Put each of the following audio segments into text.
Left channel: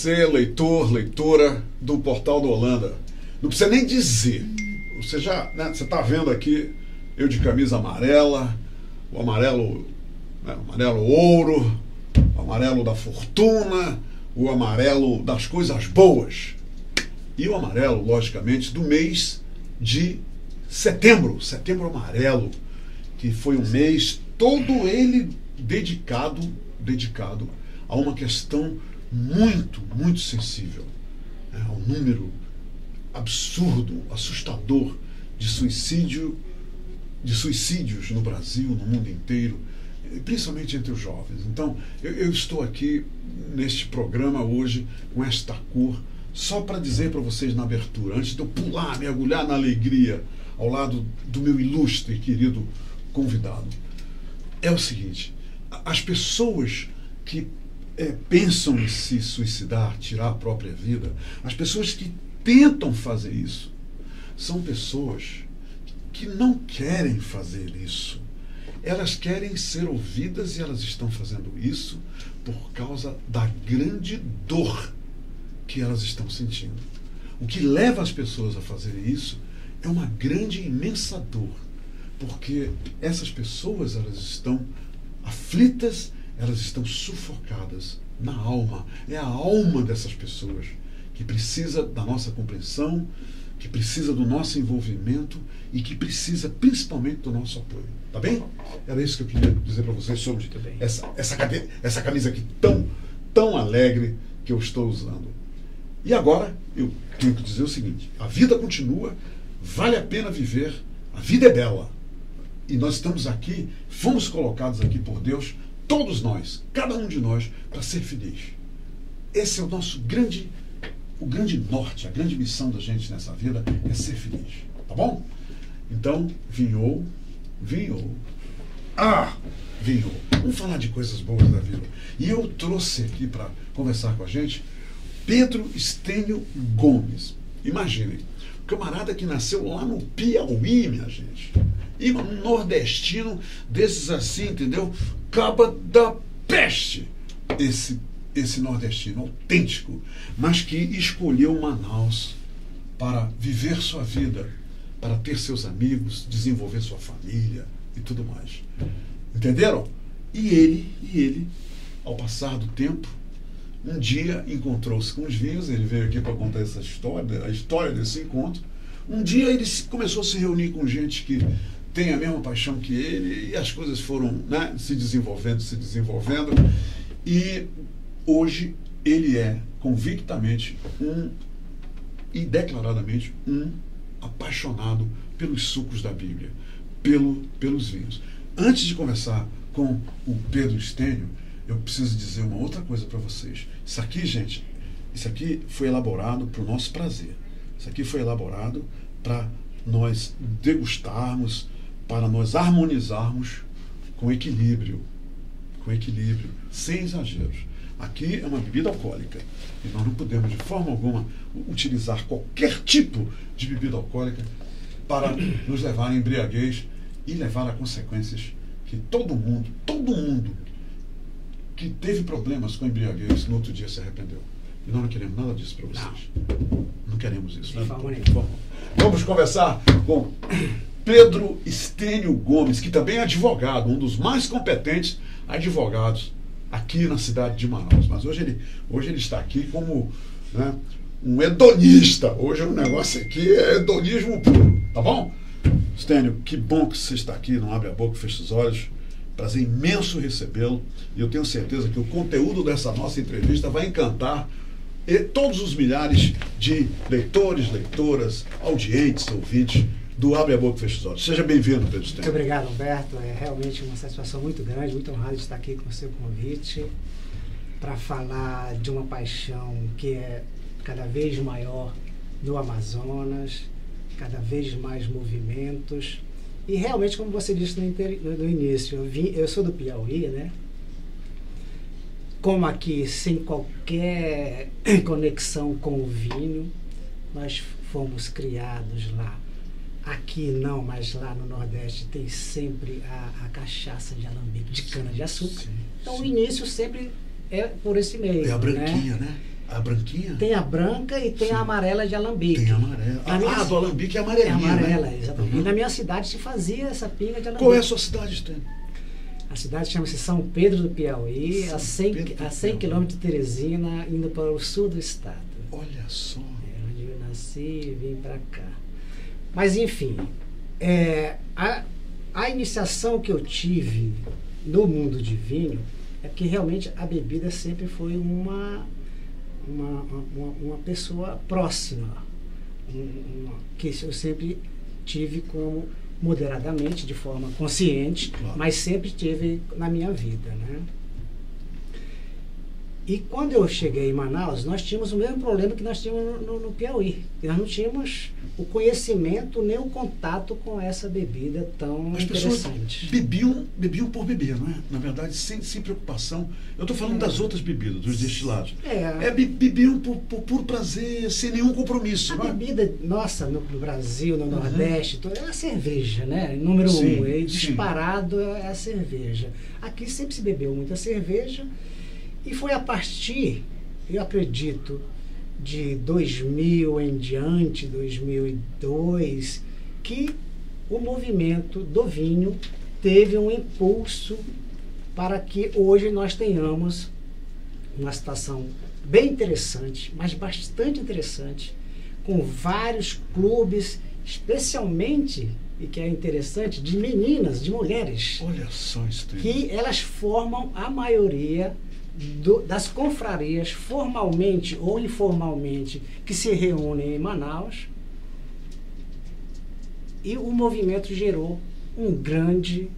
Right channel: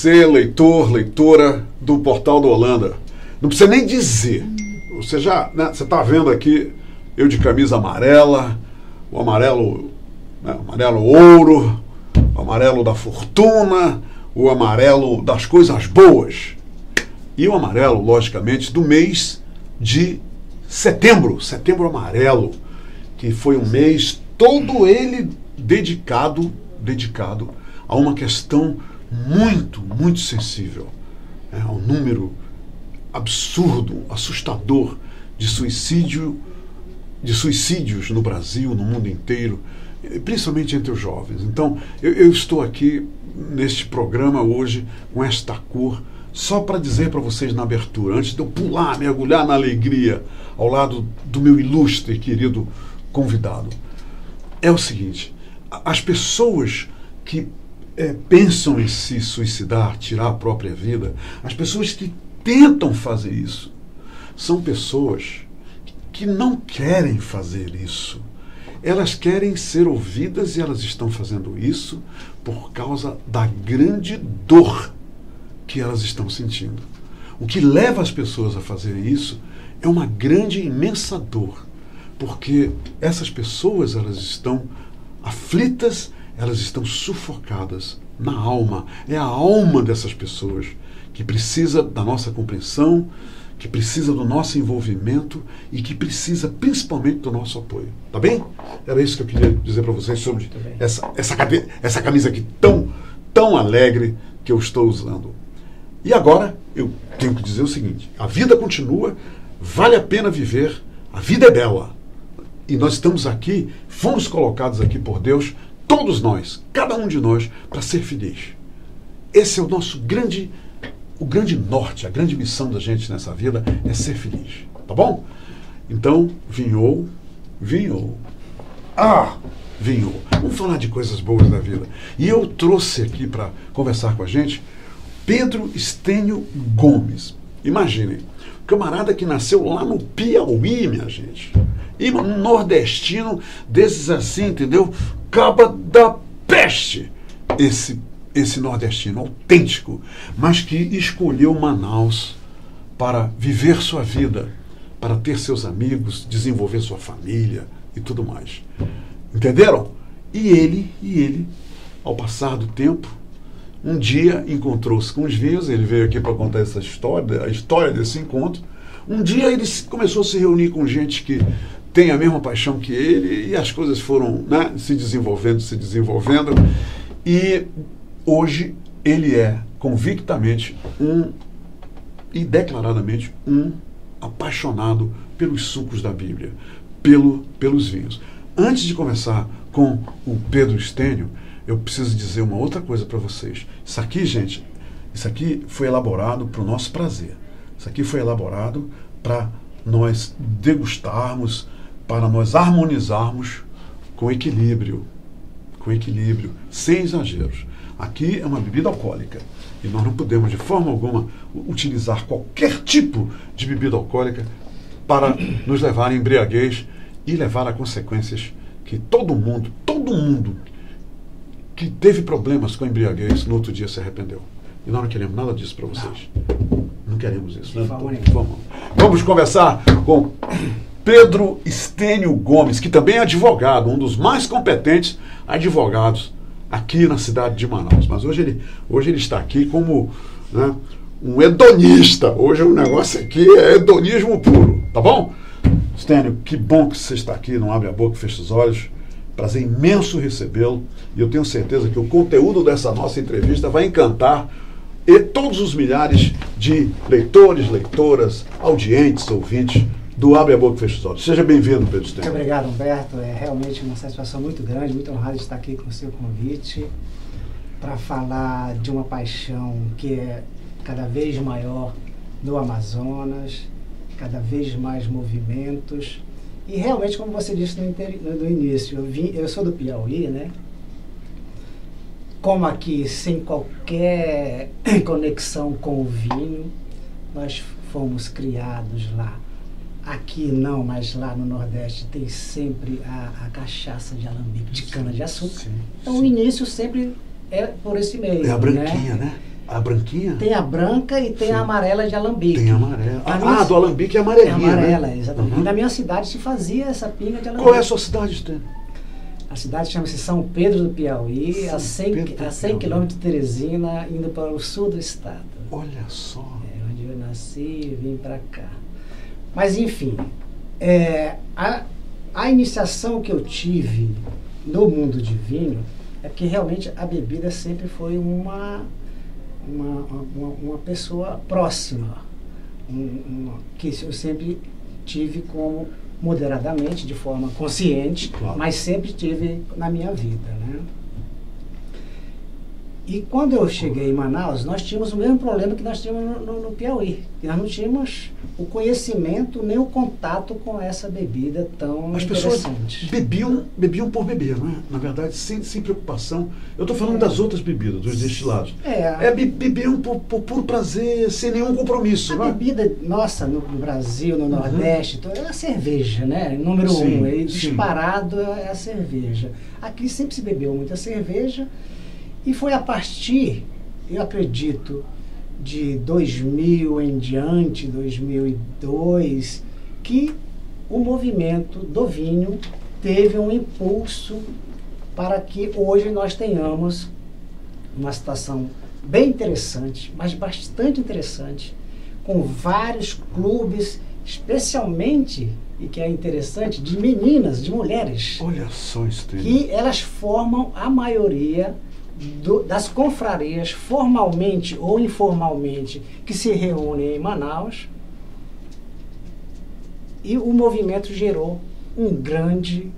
você, leitor, leitora do Portal do Holanda. Não precisa nem dizer. Você já, né, você está vendo aqui eu de camisa amarela, o amarelo, né, amarelo ouro, o amarelo da fortuna, o amarelo das coisas boas. E o amarelo, logicamente, do mês de setembro, setembro amarelo, que foi um mês todo ele dedicado a uma questão muito, muito sensível. Ao número absurdo, assustador de suicídios no Brasil, no mundo inteiro, principalmente entre os jovens. Então, eu estou aqui neste programa hoje com esta cor, só para dizer para vocês na abertura, antes de eu pular, mergulhar na alegria ao lado do meu ilustre e querido convidado, é o seguinte: as pessoas que pensam em se suicidar, tirar a própria vida, as pessoas que tentam fazer isso, são pessoas que não querem fazer isso. Elas querem ser ouvidas e elas estão fazendo isso por causa da grande dor que elas estão sentindo. O que leva as pessoas a fazerem isso é uma grande, imensa dor, porque essas pessoas, elas estão aflitas, elas estão sufocadas na alma. É a alma dessas pessoas que precisa da nossa compreensão, que precisa do nosso envolvimento e que precisa principalmente do nosso apoio. Tá bem? Era isso que eu queria dizer para vocês sobre essa camisa aqui tão alegre que eu estou usando. E agora eu tenho que dizer o seguinte: a vida continua, vale a pena viver, a vida é bela. E nós estamos aqui, fomos colocados aqui por Deus, todos nós, cada um de nós, para ser feliz. Esse é o nosso o grande norte, a grande missão da gente nessa vida é ser feliz. Tá bom? Então, vinhou. Vamos falar de coisas boas da vida. E eu trouxe aqui para conversar com a gente Pedro Estênio Gomes. Imaginem, um camarada que nasceu lá no Piauí, minha gente. E um nordestino desses assim, entendeu? Caba da peste. Esse nordestino autêntico, mas que escolheu Manaus para viver sua vida, para ter seus amigos, desenvolver sua família e tudo mais. Entenderam? E ele, ao passar do tempo, um dia encontrou-se com os vinhos. Ele veio aqui para contar essa história, a história desse encontro. Um dia ele começou a se reunir com gente que tem a mesma paixão que ele, e as coisas foram, né, se desenvolvendo, e hoje ele é convictamente e declaradamente um apaixonado pelos sucos da Bíblia, pelos vinhos. Antes de conversar com o Pedro Estênio, eu preciso dizer uma outra coisa para vocês. Isso aqui, gente, foi elaborado para o nosso prazer. Isso aqui foi elaborado para nós degustarmos, para nós harmonizarmos com equilíbrio, sem exageros. Aqui é uma bebida alcoólica e nós não podemos de forma alguma utilizar qualquer tipo de bebida alcoólica para nos levar à embriaguez e levar a consequências que todo mundo que teve problemas com a embriaguez no outro dia se arrependeu. E nós não queremos nada disso para vocês. Não queremos isso. Né? Vamos conversar com Pedro Estênio Gomes, que também é advogado, um dos mais competentes advogados aqui na cidade de Manaus. Mas hoje ele está aqui como, né, um hedonista. Hoje o negócio aqui é hedonismo puro. Tá bom? Estênio, que bom que você está aqui. Não abre a boca, fecha os olhos. Prazer imenso recebê-lo. E eu tenho certeza que o conteúdo dessa nossa entrevista vai encantar todos os milhares de leitores, leitoras, audientes, ouvintes do Abre a Boca e Fecha os Olhos. Seja bem-vindo, Pedro Estênio. Muito obrigado, Humberto. É realmente uma satisfação muito grande, muito honrado de estar aqui com o seu convite para falar de uma paixão que é cada vez maior no Amazonas, cada vez mais movimentos. E realmente, como você disse no início, eu sou do Piauí, né? Como aqui, sem qualquer conexão com o vinho, nós fomos criados lá. Aqui não, mas lá no Nordeste tem sempre a cachaça de alambique, de cana-de-açúcar. Então o início sempre é por esse meio. É a branquinha, né? A branquinha? Tem a branca e tem Sim. a amarela de alambique. Tem a amarela. Do alambique é É amarelinha, amarela, né? exatamente. Uhum. E na minha cidade se fazia essa pinga de alambique. Qual é a sua cidade, Estênio? A cidade chama-se São Pedro do Piauí, a 100 quilômetros de Teresina, indo para o sul do estado. Olha só. É onde eu nasci e vim para cá. Mas, enfim, a iniciação que eu tive no mundo de vinho é que realmente a bebida sempre foi uma pessoa próxima, que eu sempre tive como moderadamente, de forma consciente, Claro. mas sempre tive na minha vida, né? E quando eu cheguei em Manaus, nós tínhamos o mesmo problema que nós tínhamos no Piauí. Nós não tínhamos o conhecimento nem o contato com essa bebida tão As pessoas interessante. bebiam por beber, não é? Na verdade, sem preocupação. Eu estou falando das outras bebidas, dos destilados. Bebiam por puro prazer, sem nenhum compromisso. A não é? bebida nossa no Brasil, no Nordeste, é a cerveja, né? Número um, disparado é a cerveja. Aqui sempre se bebeu muita cerveja e foi a partir, eu acredito, de 2000 em diante, 2002, que o movimento do vinho teve um impulso para que hoje nós tenhamos uma situação bem interessante, mas bastante interessante, com vários clubes, especialmente, e que é interessante, de meninas, de mulheres. Olha só, Estênio. Que elas formam a maioria das confrarias, formalmente ou informalmente, que se reúnem em Manaus. E o movimento gerou um grande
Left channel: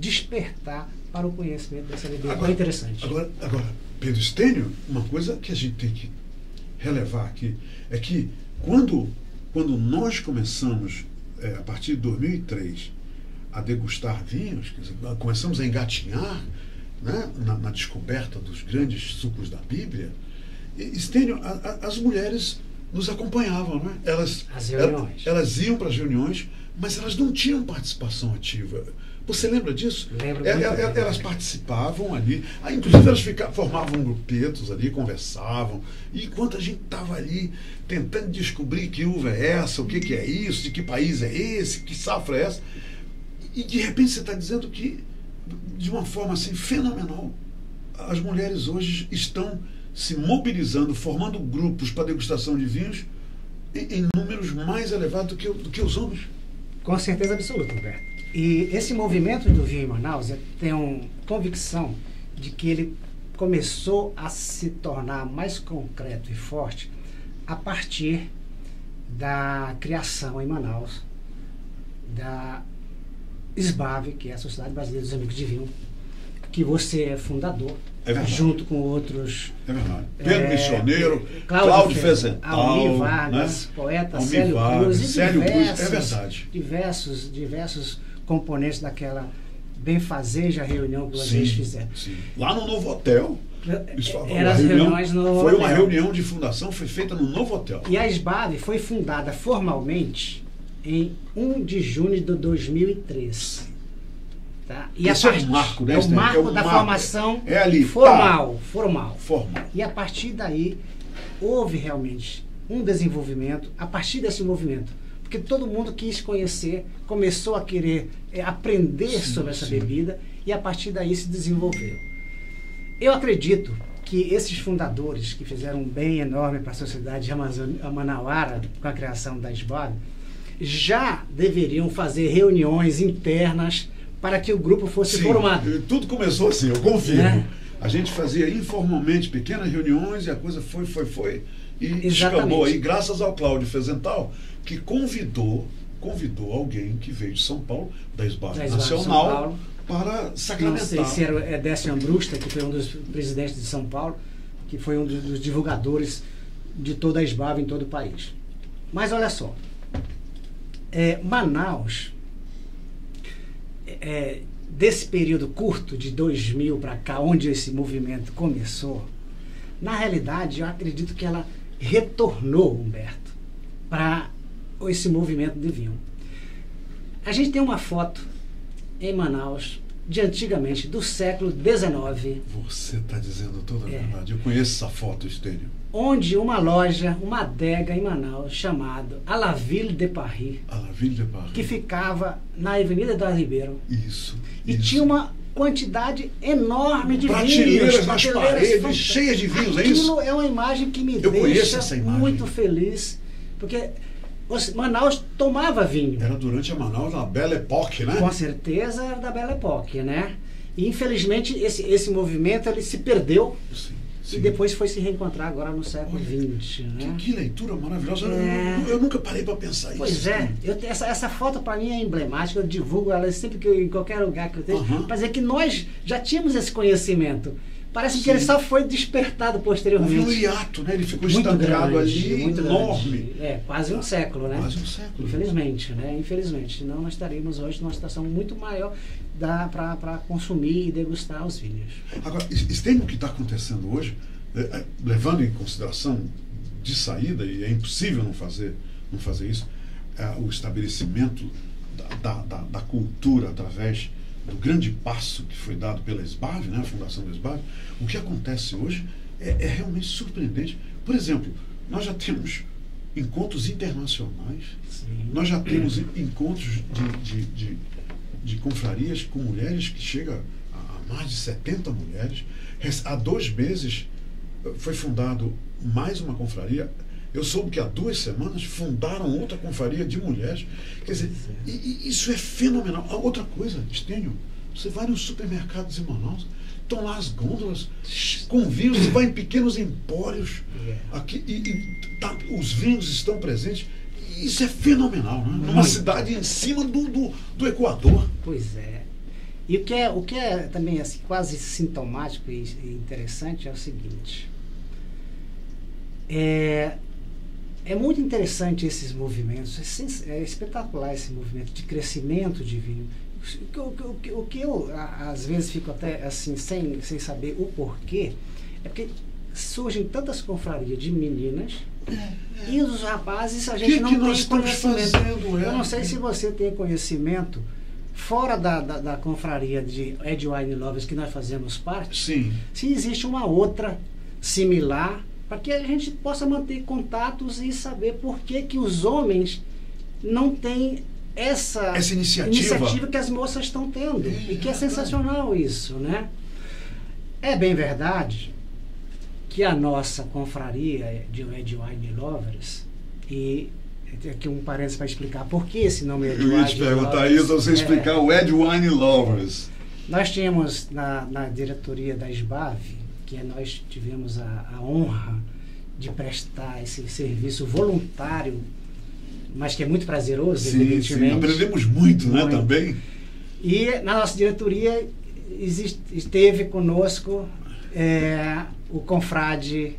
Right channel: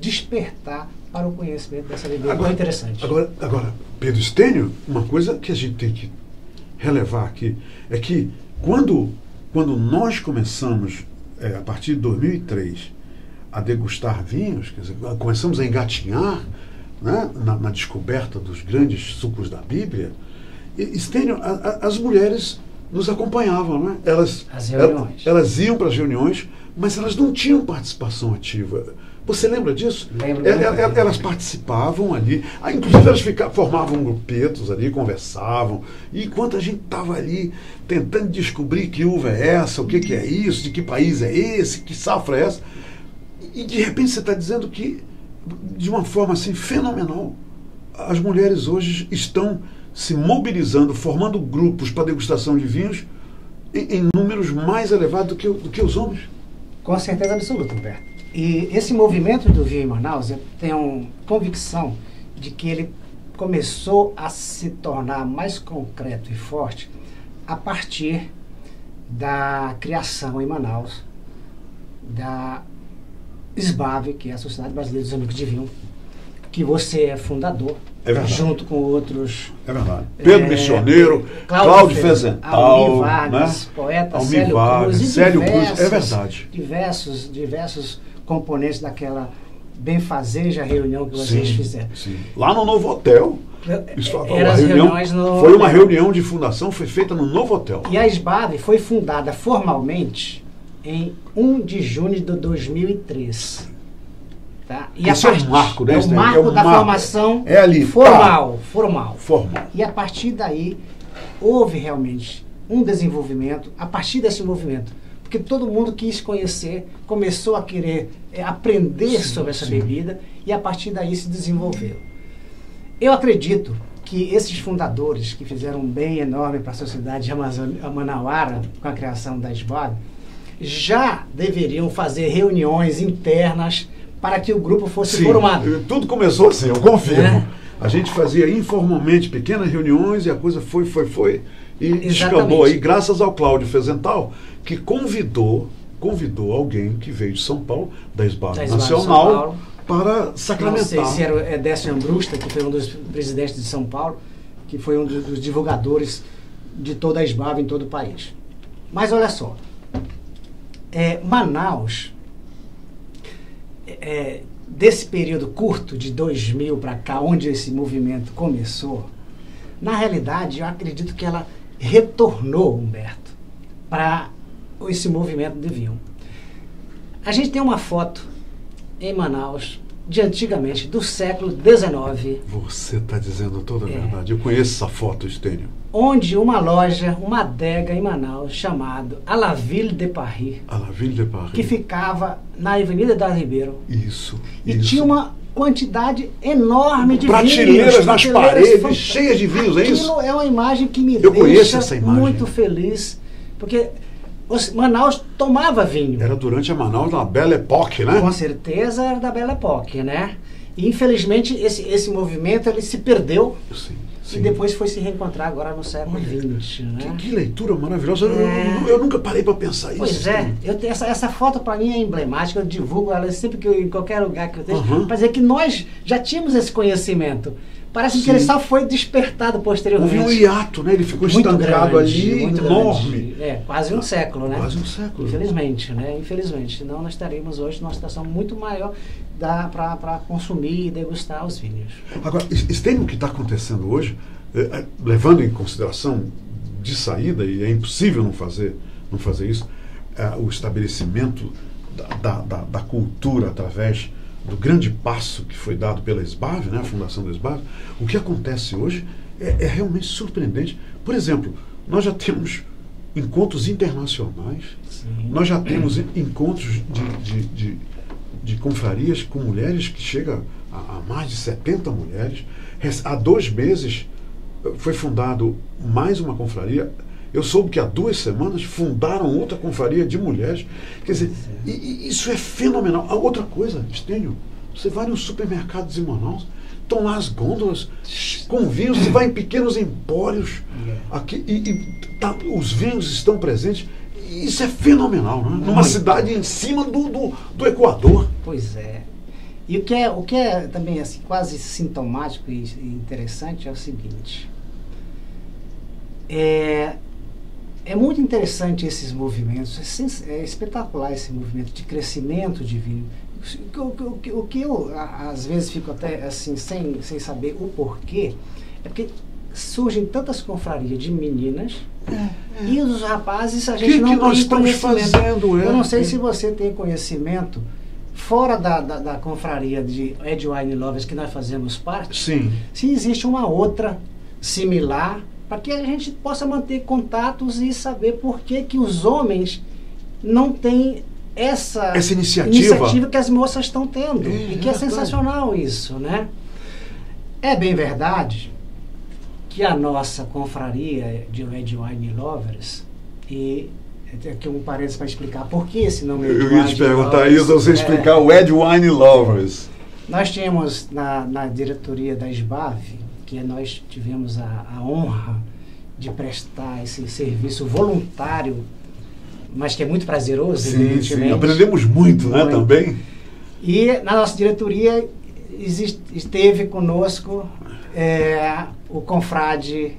despertar para o conhecimento dessa bebida. Muito interessante. Agora, Pedro Estênio, uma coisa que a gente tem que relevar aqui é que quando nós começamos, a partir de 2003, a degustar vinhos, quer dizer, começamos a engatinhar, né, na descoberta dos grandes sucos da Bíblia, Estênio, as mulheres nos acompanhavam, né? Elas iam para as reuniões, mas elas não tinham participação ativa. Você lembra disso? Lembro. Elas participavam ali, inclusive elas formavam grupetos ali, conversavam, e enquanto a gente estava ali tentando descobrir que uva é essa, o que é isso, de que país é esse, que safra é essa, e de repente você está dizendo que, de uma forma assim fenomenal, as mulheres hoje estão se mobilizando, formando grupos para degustação de vinhos em números mais elevados do que os homens. Com certeza absoluta, Humberto. E esse movimento do vinho em Manaus, eu tenho convicção de que ele começou a se tornar mais concreto e forte a partir da criação em Manaus da SBAV, que é a Sociedade Brasileira dos Amigos de Vinho, que você é fundador, junto com outros... É verdade. Pedro Missioneiro, Cláudio Fezental, Almir Vargas, né? poeta Almir Célio Vargas, Cruz, e Célio Cruz, é verdade. Diversos componentes daquela benfazeja reunião que vocês fizeram. Sim. Lá no Novo Hotel. Foi uma reunião de fundação, foi feita no Novo Hotel. E a SBAV foi fundada formalmente em 1 de junho de 2003. Tá? E esse é o marco, né? É o marco da formação ali, formal. E a partir daí, houve realmente um desenvolvimento, a partir desse movimento. Porque todo mundo quis conhecer, começou a querer aprender sobre essa bebida, e a partir daí se desenvolveu. Eu acredito que esses fundadores, que fizeram um bem enorme para a sociedade manauara, com a criação da SBAV, já deveriam fazer reuniões internas para que o grupo fosse formado. Tudo começou assim, eu confirmo. A gente fazia informalmente pequenas reuniões e a coisa foi e escalou aí, graças ao Cláudio Fezental, que convidou alguém que veio de São Paulo, da SBAV Nacional, para sacramentar. Não sei se era Décio Ambrusta, que foi um dos presidentes de São Paulo, que foi um dos divulgadores de toda a SBAV em todo o país. Mas olha só, Manaus, desse período curto, de 2000 para cá, onde esse movimento começou, na realidade, eu acredito que ela retornou, Humberto, para esse movimento de vinho. A gente tem uma foto em Manaus de antigamente, do século XIX. Você está dizendo toda a verdade. Eu conheço essa foto, Estênio. Onde uma loja, uma adega em Manaus, chamado A La Ville de Paris, A La Ville de Paris. que ficava na Avenida da Ribeiro. Isso. E tinha uma quantidade enorme de prateleiras vinhos. nas paredes, cheias de vinhos, é isso? Aquilo é uma imagem que me Eu conheço deixa essa imagem. muito feliz, porque Manaus tomava vinho. Era durante a Manaus da Belle Époque, né? Com certeza era da Belle Époque, né? E infelizmente esse movimento ele se perdeu. Sim. E depois foi se reencontrar agora no século XX, né? Que leitura maravilhosa. Eu nunca parei para pensar isso. Pois é. Essa foto para mim é emblemática. Eu divulgo ela sempre que em qualquer lugar que eu tenho, para dizer que nós já tínhamos esse conhecimento. Parece que ele só foi despertado posteriormente. Houve um hiato, né? Ele ficou muito estancado grande, ali, muito enorme. grande. Quase um século, né? Quase um século. Infelizmente, né? Infelizmente. Senão nós estaríamos hoje numa situação muito maior para consumir e degustar os vinhos. Agora, Estênio, o que está acontecendo hoje, levando em consideração de saída, e é impossível não fazer isso, o estabelecimento da cultura através do grande passo que foi dado pela SBAV, né, a fundação da SBAV. O que acontece hoje é realmente surpreendente. Por exemplo, nós já temos encontros internacionais, Sim. Nós já temos encontros de confrarias com mulheres que chegam a mais de 70 mulheres. Há 2 meses foi fundado mais uma confraria. Eu soube que há 2 semanas fundaram outra confraria de mulheres. Quer dizer, isso é fenomenal. A outra coisa, Estênio, você vai nos supermercados em Manaus, estão lá as gôndolas com vinhos, você vai em pequenos empórios, aqui, os vinhos estão presentes. Isso é fenomenal, né? Numa cidade em cima do Equador. Pois é. E o que é também assim, quase sintomático e interessante é o seguinte. É muito interessante esses movimentos, é espetacular esse movimento de crescimento de vinho. O que eu, às vezes, fico até assim, sem saber o porquê, é porque surgem tantas confrarias de meninas e os rapazes a gente não tem conhecimento. Eu não sei se você tem conhecimento fora da confraria de Red Wine Lovers que nós fazemos parte. Sim. Se existe uma outra similar para que a gente possa manter contatos e saber por que os homens não têm essa iniciativa que as moças estão tendo. E que é sensacional isso, né? É bem verdade que a nossa confraria de Red Wine Lovers, e aqui um parênteses para explicar por que esse nome é Red Wine Lovers. Eu ia te perguntar isso, você explicar o Red Wine Lovers. Nós tínhamos na diretoria da SBAV, que nós tivemos a honra de prestar esse serviço voluntário, mas que é muito prazeroso, evidentemente. Sim, aprendemos muito, né, também. E na nossa diretoria esteve conosco o confrade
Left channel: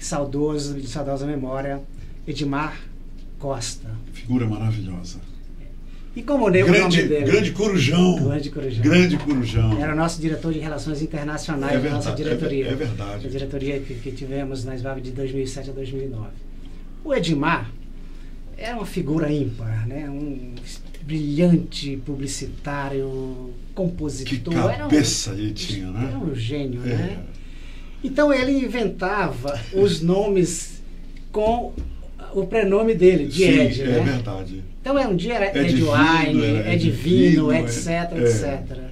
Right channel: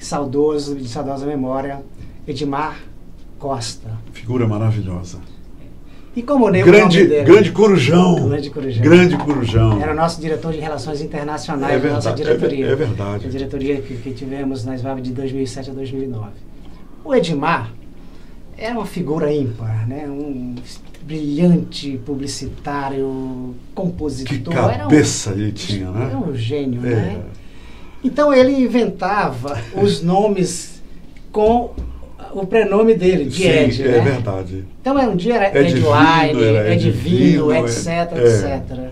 saudoso, de saudosa memória, Edmar Costa. Figura maravilhosa. E como lembro o nome dele? Grande Corujão. Grande Corujão. Era o nosso diretor de Relações Internacionais da nossa diretoria. É verdade. A diretoria que tivemos na SBAV de 2007 a 2009. O Edmar era uma figura ímpar, né? Um brilhante publicitário, compositor. Que cabeça ele tinha, né? Era um gênio, né? Então ele inventava os nomes com o prenome dele, de Ed, né? É verdade. Então um dia era Ed Wine, Ed Vinho, etc, etc.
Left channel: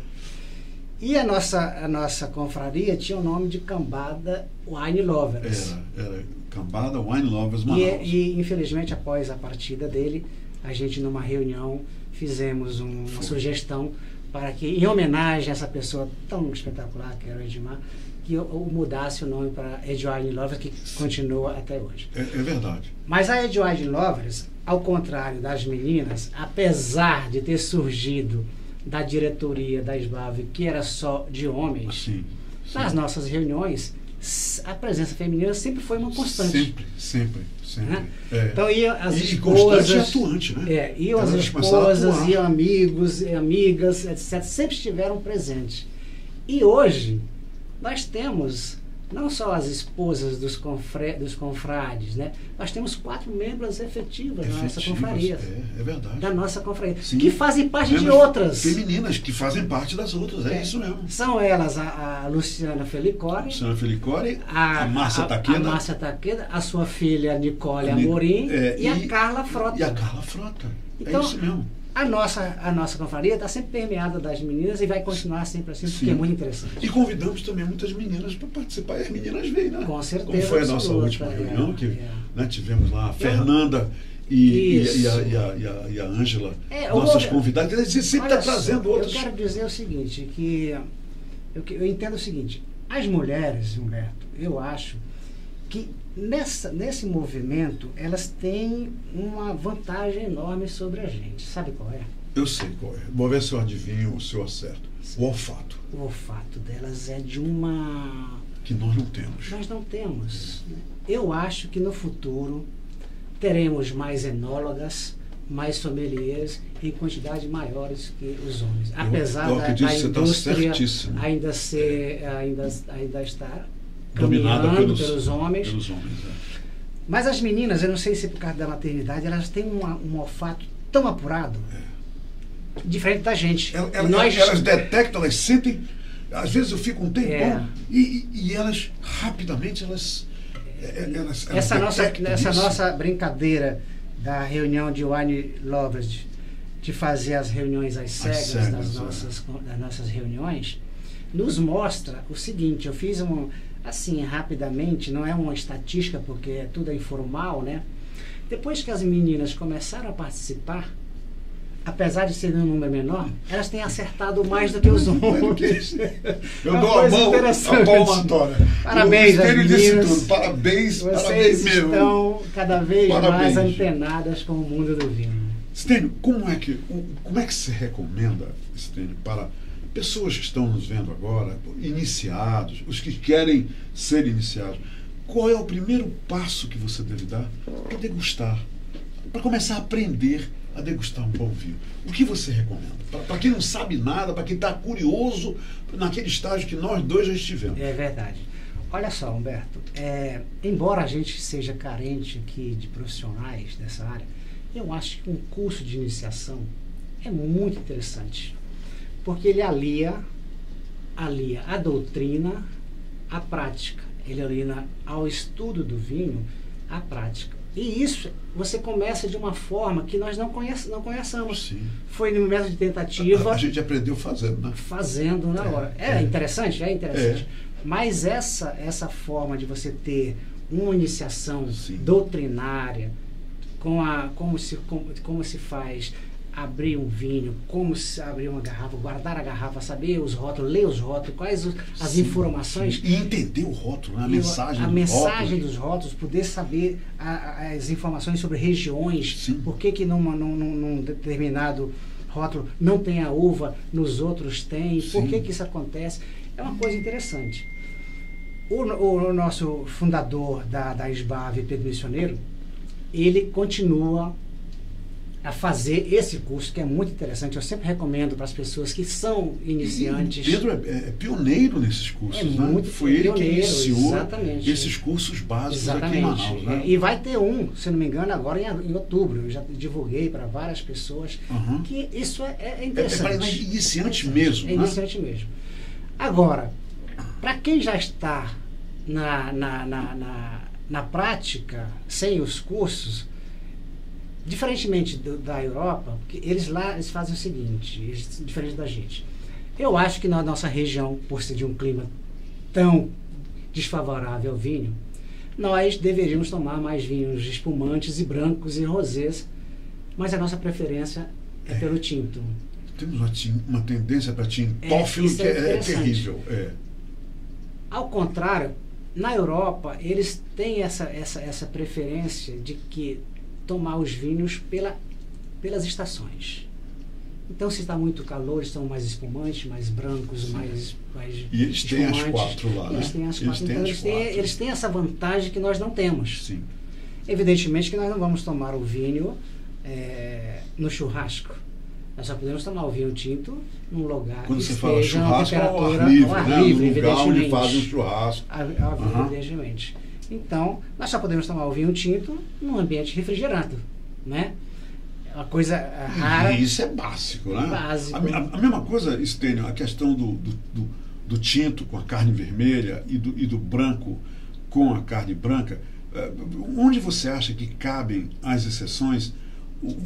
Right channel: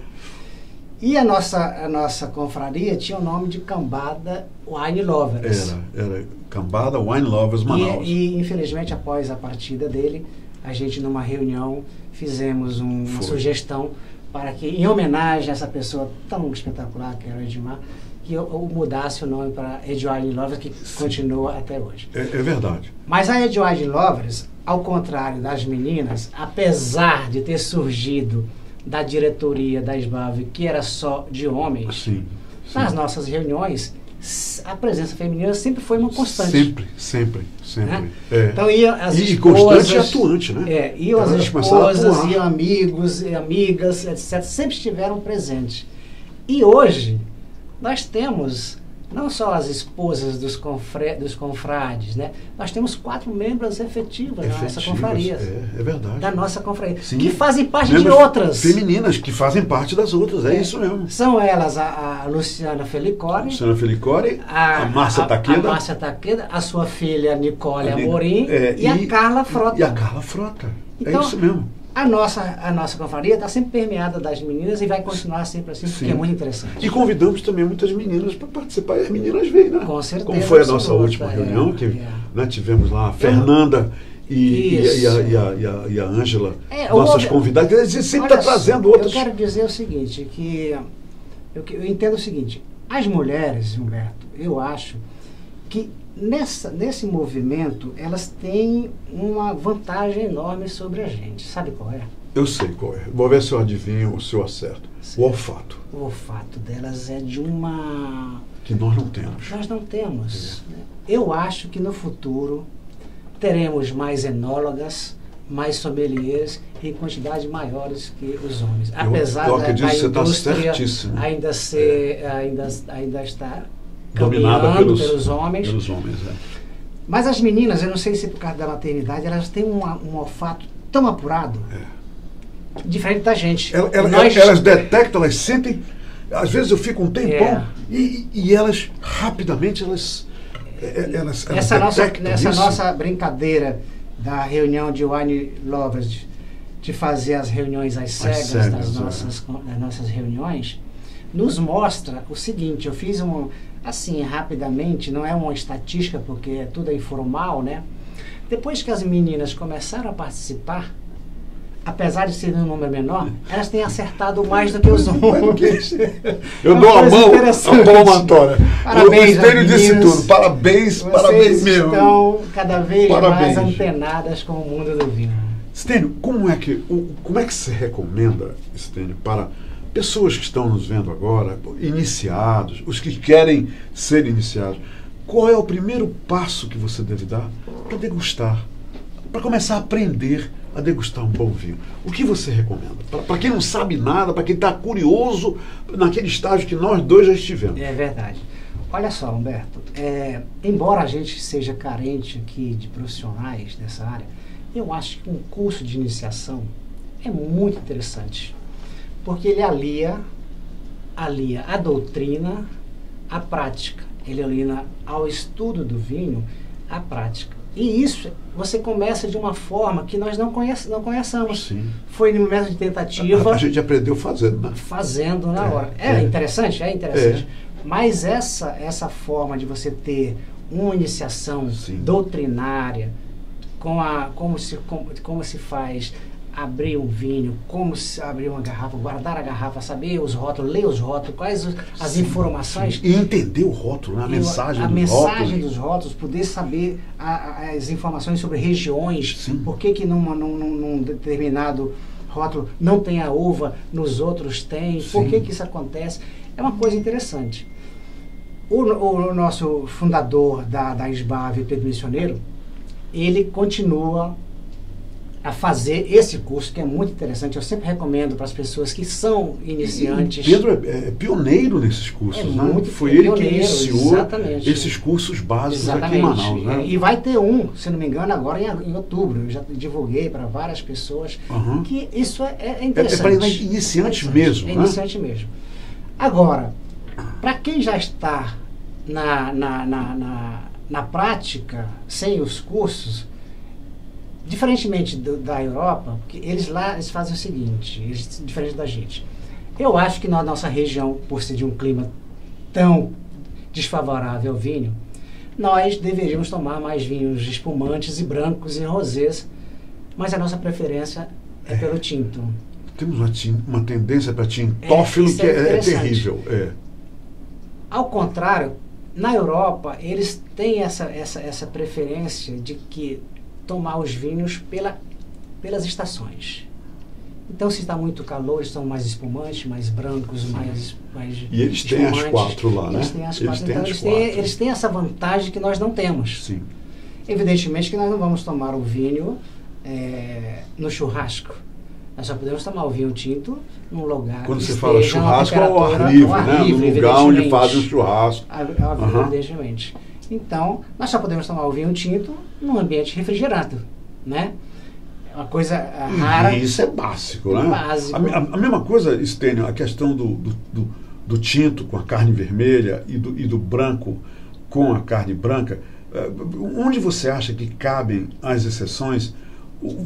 E a nossa confraria tinha o nome de Cambada Wine Lovers. Era Cambada Wine Lovers Manaus. E infelizmente após a partida dele, a gente numa reunião fizemos uma sugestão para que, em homenagem a essa pessoa tão espetacular que era o Edmar, que eu mudasse o nome para Ed Wine Lovers, que continua até hoje. É verdade. Mas a Ed Wine Lovers, ao contrário das meninas, apesar de ter surgido da diretoria da SBAV, que era só de homens, sim. Nas nossas reuniões, a presença feminina sempre foi uma constante. Sempre. Né? Então iam as esposas... constante e atuante, né? Iam as esposas, iam amigos e amigas, etc. Sempre estiveram presentes. E hoje, nós temos não só as esposas dos confrades, né? Nós temos 4 membros efetivas da nossa confraria. É verdade. Da nossa confraria. Sim. Que fazem parte Membros de outras. femininas, que fazem parte das outras, é isso mesmo. São elas a Luciana Felicore, a Márcia Taqueda. A Márcia Taqueda, a sua filha Nicole Amorim e a Carla Frota. E a Carla Frota. Então, é isso mesmo. A nossa confraria está sempre permeada das meninas e vai continuar sempre assim, porque é muito interessante. E convidamos também muitas meninas para participar, e as meninas veem, né? Com certeza. Como foi a nossa última reunião, que né, tivemos lá a Fernanda e a Ângela, nossas convidadas, eles sempre estão trazendo outras. Eu quero dizer o seguinte, que eu entendo o seguinte, as mulheres, Humberto, eu acho que nesse movimento, elas têm uma vantagem enorme sobre a gente. Sabe qual é? Eu sei qual é. Vou ver se eu adivinho, se eu acerto. Sim. O olfato. O olfato delas é de uma... que nós não temos. Nós não temos. Né? Eu acho que no futuro teremos mais enólogas, mais sommeliers em quantidades maiores que os homens. Apesar da indústria ainda estar dominada pelos homens. É. Mas as meninas, eu não sei se por causa da maternidade, elas têm um olfato tão apurado, diferente da gente. Elas detectam, elas sentem. Às vezes eu fico um tempão e elas rapidamente essa nossa brincadeira da reunião de wine lovers, de fazer as reuniões às cegas das nossas reuniões, nos mostra o seguinte. Eu fiz assim, rapidamente, não é uma estatística, porque tudo é informal, né? Depois que as meninas começaram a participar, apesar de ser um número menor, elas têm acertado mais do que os homens. Eu dou a mão à palmatória. Parabéns, o Estênio disse tudo. Parabéns mesmo. Estão cada vez mais antenadas com o mundo do vinho. Estênio, como é que você recomenda, Estênio, para pessoas que estão nos vendo agora, iniciados, os que querem ser iniciados, qual é o primeiro passo que você deve dar para degustar, para começar a aprender a degustar um bom vinho? O que você recomenda? Para quem não sabe nada, para quem está curioso, naquele estágio que nós dois já estivemos. É verdade. Olha só, Humberto, embora a gente seja carente aqui de profissionais dessa área, eu acho que um curso de iniciação é muito interessante. Porque ele alia a doutrina à prática. Ele alia ao estudo do vinho à prática. E isso você começa de uma forma que nós não conheçamos. Sim. Foi no método de tentativa. A gente aprendeu fazendo, né? Fazendo na hora. Interessante? É interessante. Mas essa forma de você ter uma iniciação doutrinária, como se faz abrir um vinho, como se abrir uma garrafa, guardar a garrafa, saber os rótulos, ler os rótulos, quais as informações. E entender o rótulo, né? A mensagem dos rótulos, poder saber as informações sobre regiões, por que num determinado rótulo não tem a uva, nos outros tem, por que isso acontece. É uma coisa interessante. O nosso fundador da SBAV, Pedro Missioneiro, ele continua a fazer esse curso, que é muito interessante. Eu sempre recomendo para as pessoas que são iniciantes. Pedro é pioneiro nesses cursos, né? Foi ele que iniciou esses cursos básicos aqui em Manaus. Né? E vai ter se não me engano, agora em outubro. Eu já divulguei para várias pessoas que isso é interessante. É para iniciantes mesmo. É iniciante mesmo. Agora, para quem já está na prática, sem os cursos, diferentemente da Europa, porque eles fazem o seguinte, diferente da gente. Eu acho que na nossa região, por ser de um clima tão desfavorável ao vinho, nós deveríamos tomar mais vinhos espumantes e brancos e rosés, mas a nossa preferência é pelo tinto. Temos uma tendência para tintófilo que é terrível. Ao contrário, na Europa, eles têm essa preferência de que tomar os vinhos pelas estações. Então, se está muito calor, estão mais espumantes, mais brancos, mais e eles têm as 4 lá, né? Eles têm as 4. Então, eles têm essa vantagem que nós não temos. Sim. Evidentemente que nós não vamos tomar o vinho no churrasco. Nós só podemos tomar o vinho tinto num lugar Quando que você fala esteja numa churrasco, ao ar livre, né? No lugar onde fazem o churrasco. Evidentemente. Então, nós só podemos tomar o vinho tinto num ambiente refrigerado, né? Uma coisa rara. E isso é básico, né? Básico. A mesma coisa, Stênio, a questão do tinto com a carne vermelha e do branco com a carne branca. Onde você acha que cabem as exceções?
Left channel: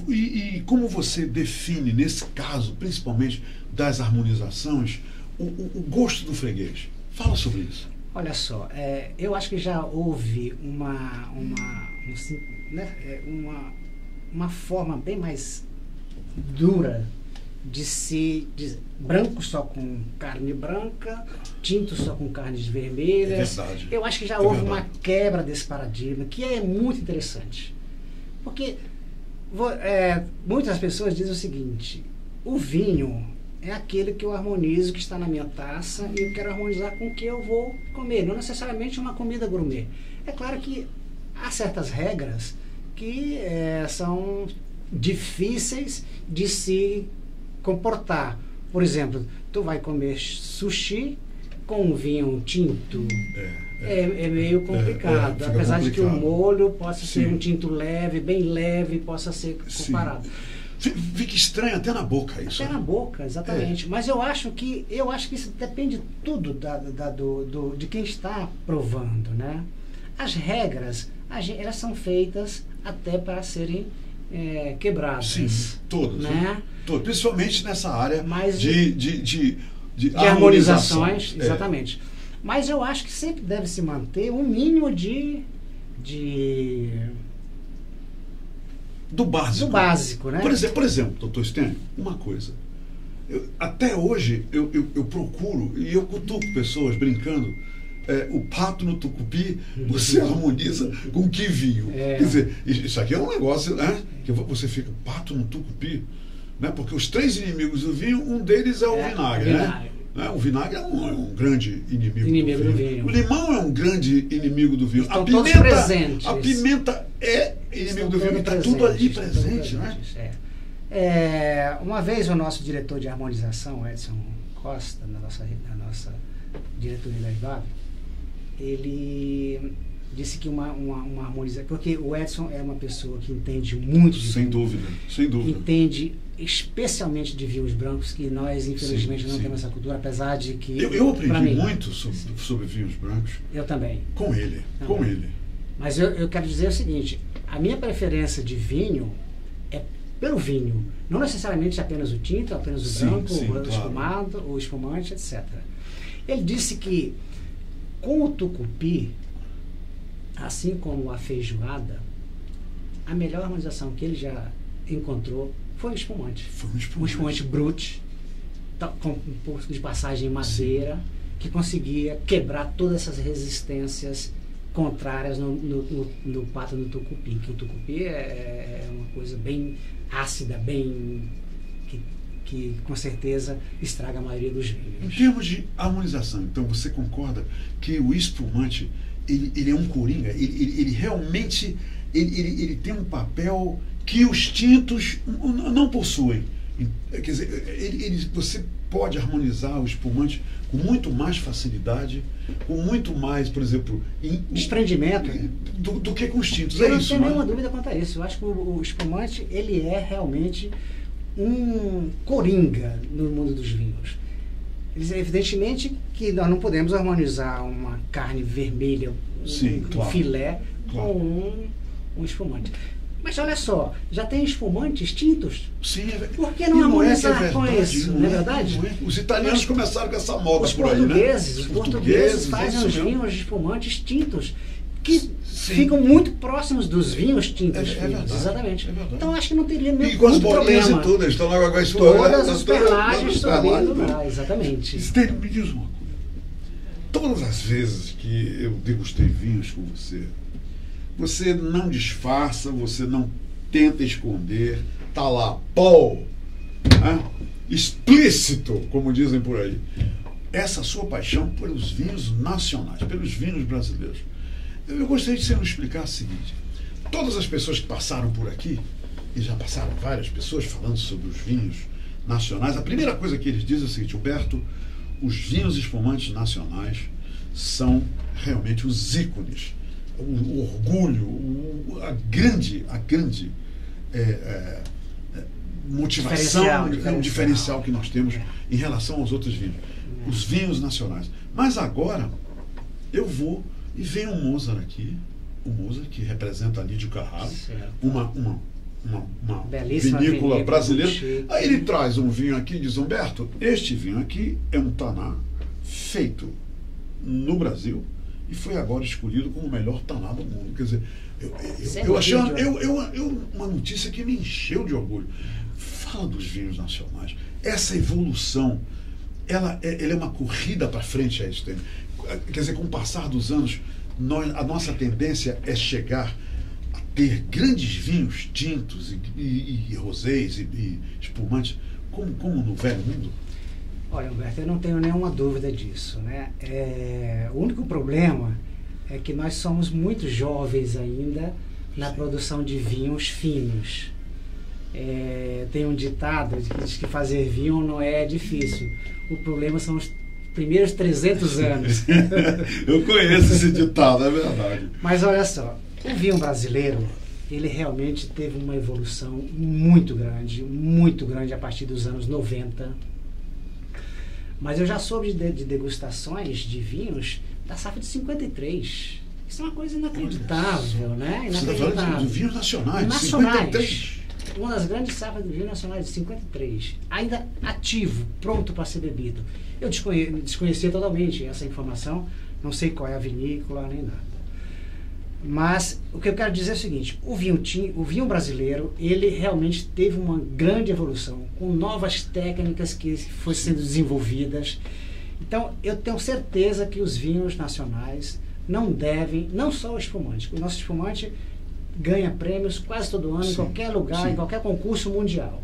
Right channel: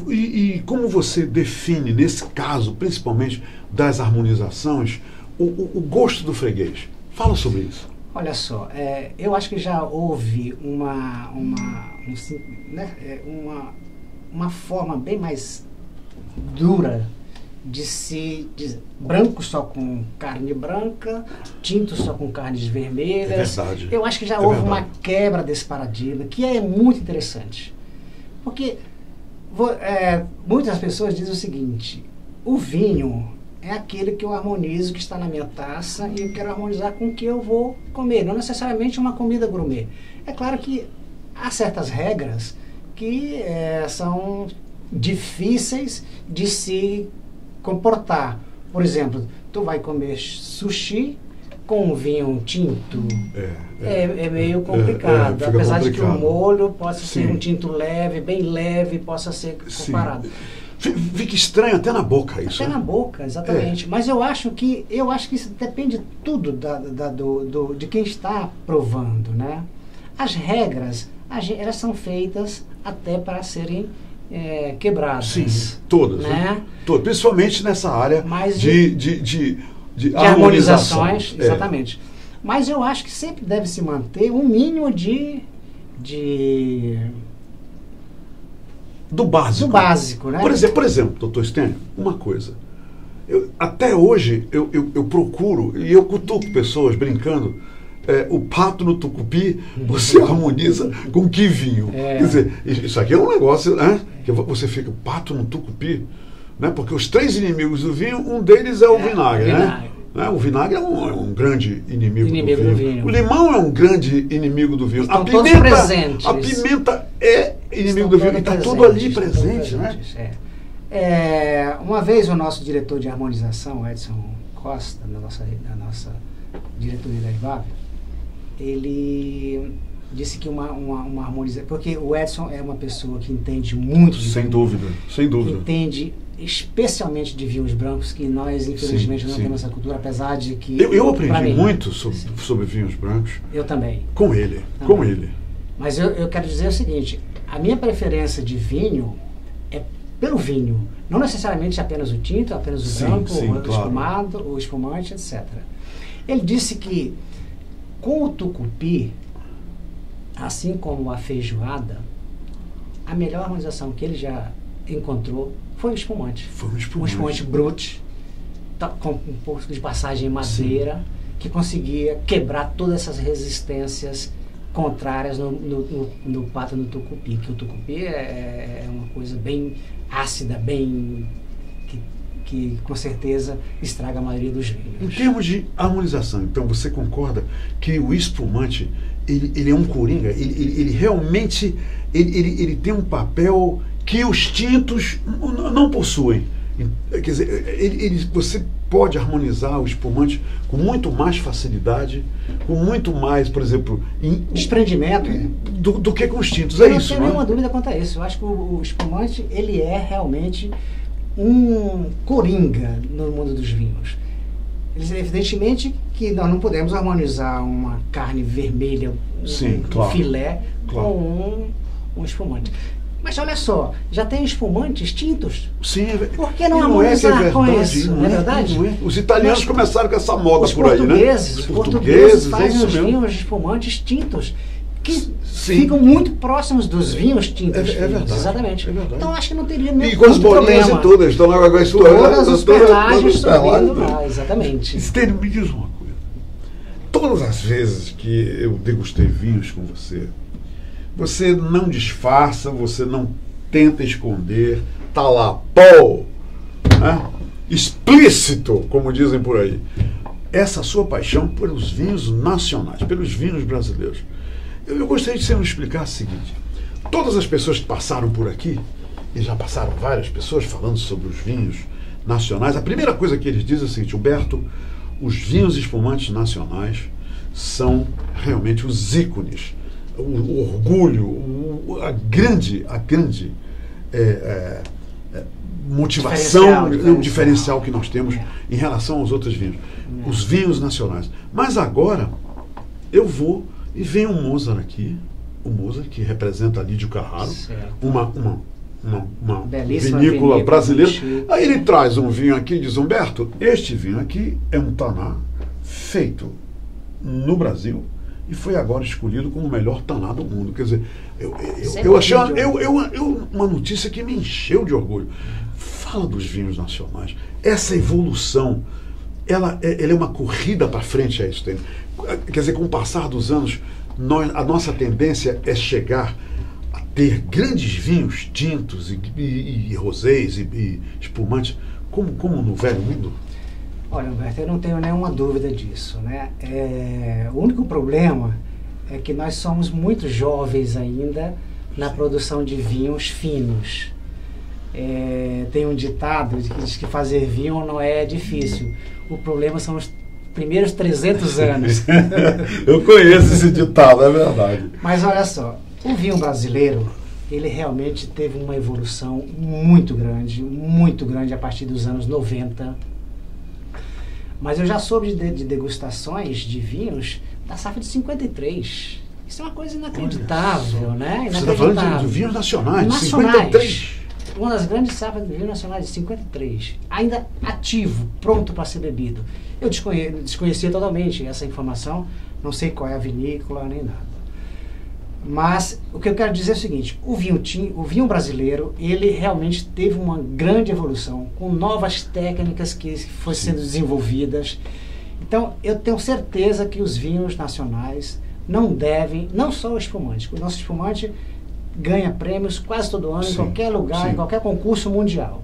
E como você define, nesse caso, principalmente das harmonizações, o gosto do freguês? Fala sobre isso. Olha só, eu acho que já houve uma forma bem mais dura de branco só com carne branca, tinto só com carnes vermelhas. É verdade. Eu acho que já houve uma quebra desse paradigma, que é muito interessante. Porque muitas pessoas dizem o seguinte: o vinho é aquele que eu harmonizo, que está na minha taça, e eu quero harmonizar com o que eu vou comer, não necessariamente uma comida gourmet. É claro que há certas regras que são difíceis de se comportar. Por exemplo, tu vai comer sushi com um vinho tinto. É meio complicado. Apesar de que o molho possa ser um tinto leve, bem leve, possa ser comparado. Fica estranho até na boca isso. Até na boca, exatamente. Mas eu acho que isso depende tudo de quem está provando, né? As regras, elas são feitas até para serem quebradas. Sim, todas. Né? Todas, principalmente nessa área de harmonizações. Exatamente. Mas eu acho que sempre deve se manter um mínimo do básico, né? Por exemplo, doutor Stênio, uma coisa. Até hoje eu procuro, e eu cutuco pessoas brincando, o pato no tucupi, você harmoniza com que vinho? Quer dizer, isso aqui é um negócio, né? Que você fica, pato no tucupi, né? Porque os 3 inimigos do vinho, um deles é o vinagre, né? O vinagre é um grande inimigo do vinho. O limão é um grande inimigo do vinho. Estão todos presentes. A pimenta é inimigo do vinho. Está tudo ali presente, né? Uma vez o nosso diretor de harmonização, Edson Costa, na nossa diretoria da IVAP, ele disse que uma harmonização... Porque o Edson é uma pessoa que entende muito de vinho. Sem dúvida. Entende especialmente de vinhos brancos, que nós infelizmente não temos essa cultura, apesar de que... Eu aprendi muito sobre vinhos brancos. Eu também. Com ele. Mas eu quero dizer o seguinte: a minha preferência de vinho é pelo vinho, não necessariamente apenas o tinto, apenas o branco, o espumado, o espumante, etc. Ele disse que com o tucupi, assim como a feijoada, a melhor harmonização que ele já encontrou foi o espumante. Um espumante brut, com um pouco de passagem em madeira, que conseguia quebrar todas essas resistências contrárias no pato no tucupi. Que o tucupi é uma coisa bem ácida, bem... que com certeza estraga a maioria dos vinhos. Em termos de harmonização, então, você concorda que o espumante, ele é um coringa? Ele realmente ele tem um papel que os tintos não possuem. Quer dizer, você pode harmonizar o espumante com muito mais facilidade, com muito mais, por exemplo... desprendimento. Do que com os tintos. Eu não tenho nenhuma dúvida quanto a isso. Eu acho que o espumante, ele é realmente um coringa no mundo dos vinhos. Evidentemente que nós não podemos harmonizar uma carne vermelha, um filé, com um espumante. Mas olha só, já tem espumantes tintos? Sim. Por que não harmonizar com isso? Não é verdade? Os italianos começaram com essa moda por aí, né? Os portugueses fazem os vinhos espumantes tintos, que ficam muito próximos dos vinhos tintos. É verdade. Exatamente. Então acho que não teria nenhum problema. E com as bolinhas e todas, estão lá com a história. Todas as perlagens subindo lá, exatamente. Stênio, me diz uma coisa. Todas as vezes que eu degustei vinhos com você não disfarça, você não tenta esconder, tá lá, né? Explícito, como dizem por aí. Essa sua paixão pelos vinhos nacionais, pelos vinhos brasileiros. Eu gostaria que você nos explicasse o seguinte: todas as pessoas que passaram por aqui, e já passaram várias pessoas falando sobre os vinhos nacionais, a primeira coisa que eles dizem é o seguinte: Humberto, os vinhos espumantes nacionais são realmente os ícones, o orgulho, a grande motivação, o diferencial que nós temos em relação aos outros vinhos. Os vinhos nacionais. Mas agora, eu vou e vem um Mozart aqui, o Mozart, que representa Lídio Carraro, uma vinícola brasileira. Aí ele traz um vinho aqui e diz: Humberto, este vinho aqui é um Taná feito no Brasil e foi agora escolhido como o melhor Taná do mundo. Quer dizer, eu achei uma notícia que me encheu de orgulho. Fala dos vinhos nacionais. Essa evolução, ela é uma corrida para frente, é isso. Quer dizer, com o passar dos anos, a nossa tendência é chegar a ter grandes vinhos tintos e rosés e espumantes, como no velho mundo. Olha, Humberto, eu não tenho nenhuma dúvida disso, né? O único problema é que nós somos muito jovens ainda na produção de vinhos finos. Tem um ditado que diz que fazer vinho não é difícil. O problema são os primeiros 300 anos. Eu conheço esse ditado, é verdade. Mas olha só, o vinho brasileiro, ele realmente teve uma evolução muito grande a partir dos anos 90. Mas eu já soube de degustações de vinhos da safra de 53. Isso é uma coisa inacreditável, né? Você está falando de vinhos nacionais, 53. Uma das grandes safras de vinho nacionais de 53. Ainda ativo, pronto para ser bebido. Eu desconhecia totalmente essa informação, não sei qual é a vinícola, nem nada. Mas o que eu quero dizer é o seguinte: o vinho brasileiro, ele realmente teve uma grande evolução, com novas técnicas que foram sendo desenvolvidas. Então, eu tenho certeza que os vinhos nacionais não só o espumante. O nosso espumante ganha prêmios quase todo ano, em qualquer lugar, em qualquer concurso mundial.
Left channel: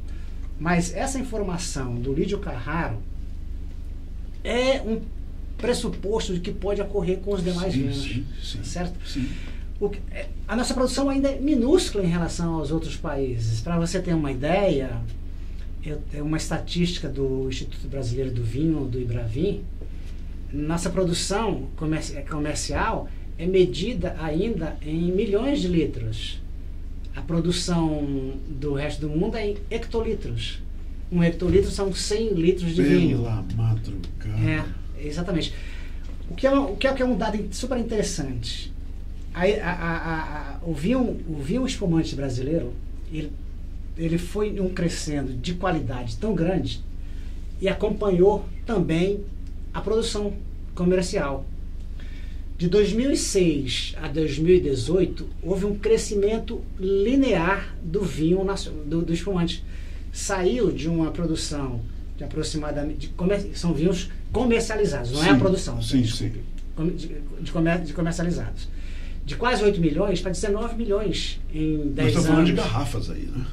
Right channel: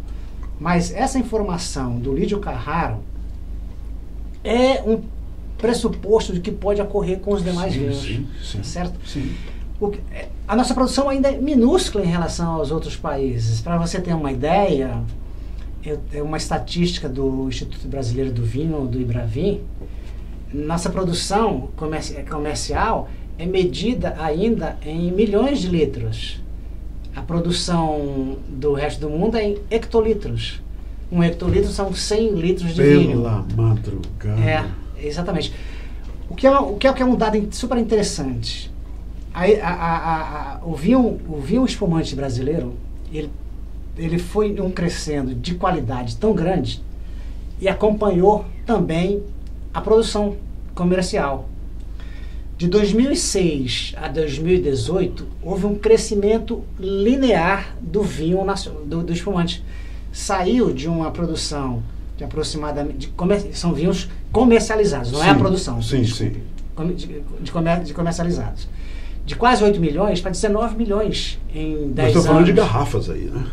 Mas essa informação do Lídio Carraro é um pressuposto de que pode ocorrer com os demais vinhos, certo? Sim. A nossa produção ainda é minúscula em relação aos outros países. Para você ter uma ideia, é uma estatística do Instituto Brasileiro do Vinho, do Ibravin. Nossa produção comercial é medida ainda em milhões de litros. A produção do resto do mundo é em hectolitros. Um hectolitro são 100 litros de vinho. Pela madrugada. Exatamente. O que é um dado super interessante. O vinho espumante brasileiro, ele foi crescendo de qualidade tão grande e acompanhou também a produção comercial. De 2006 a 2018, houve um crescimento linear do vinho do espumante. Saiu de uma produção de aproximadamente... são vinhos comercializados, não é a produção. De comercializados. De quase 8 milhões para 19 milhões em 10 anos. Nós estamos falando de garrafas aí, né?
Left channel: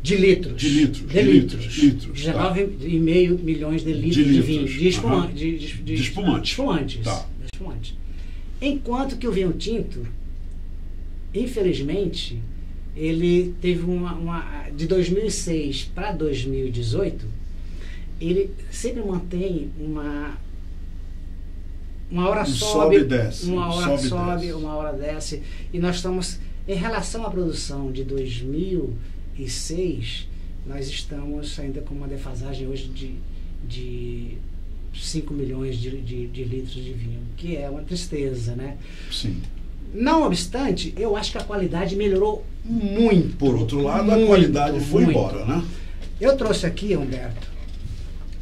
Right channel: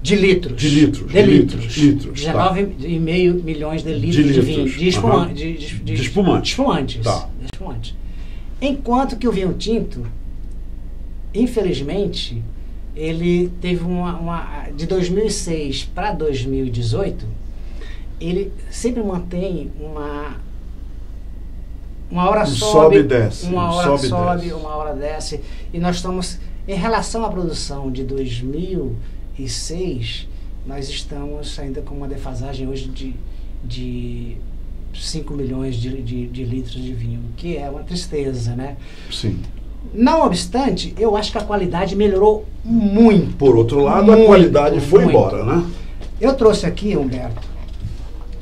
De litros. De litros. 19,5 milhões de litros de vinho. De espumante. Tá. Enquanto que o vinho tinto, infelizmente, ele teve de 2006 para 2018, ele sempre mantém uma hora sobe, uma hora sobe, uma hora desce. E nós estamos, em relação à produção de 2006, nós estamos ainda com uma defasagem hoje de 5 milhões de litros de vinho, que é uma tristeza, né? Sim. Não obstante, eu acho que a qualidade melhorou muito. Por outro lado, a qualidade foi embora, né? Eu trouxe aqui, Humberto,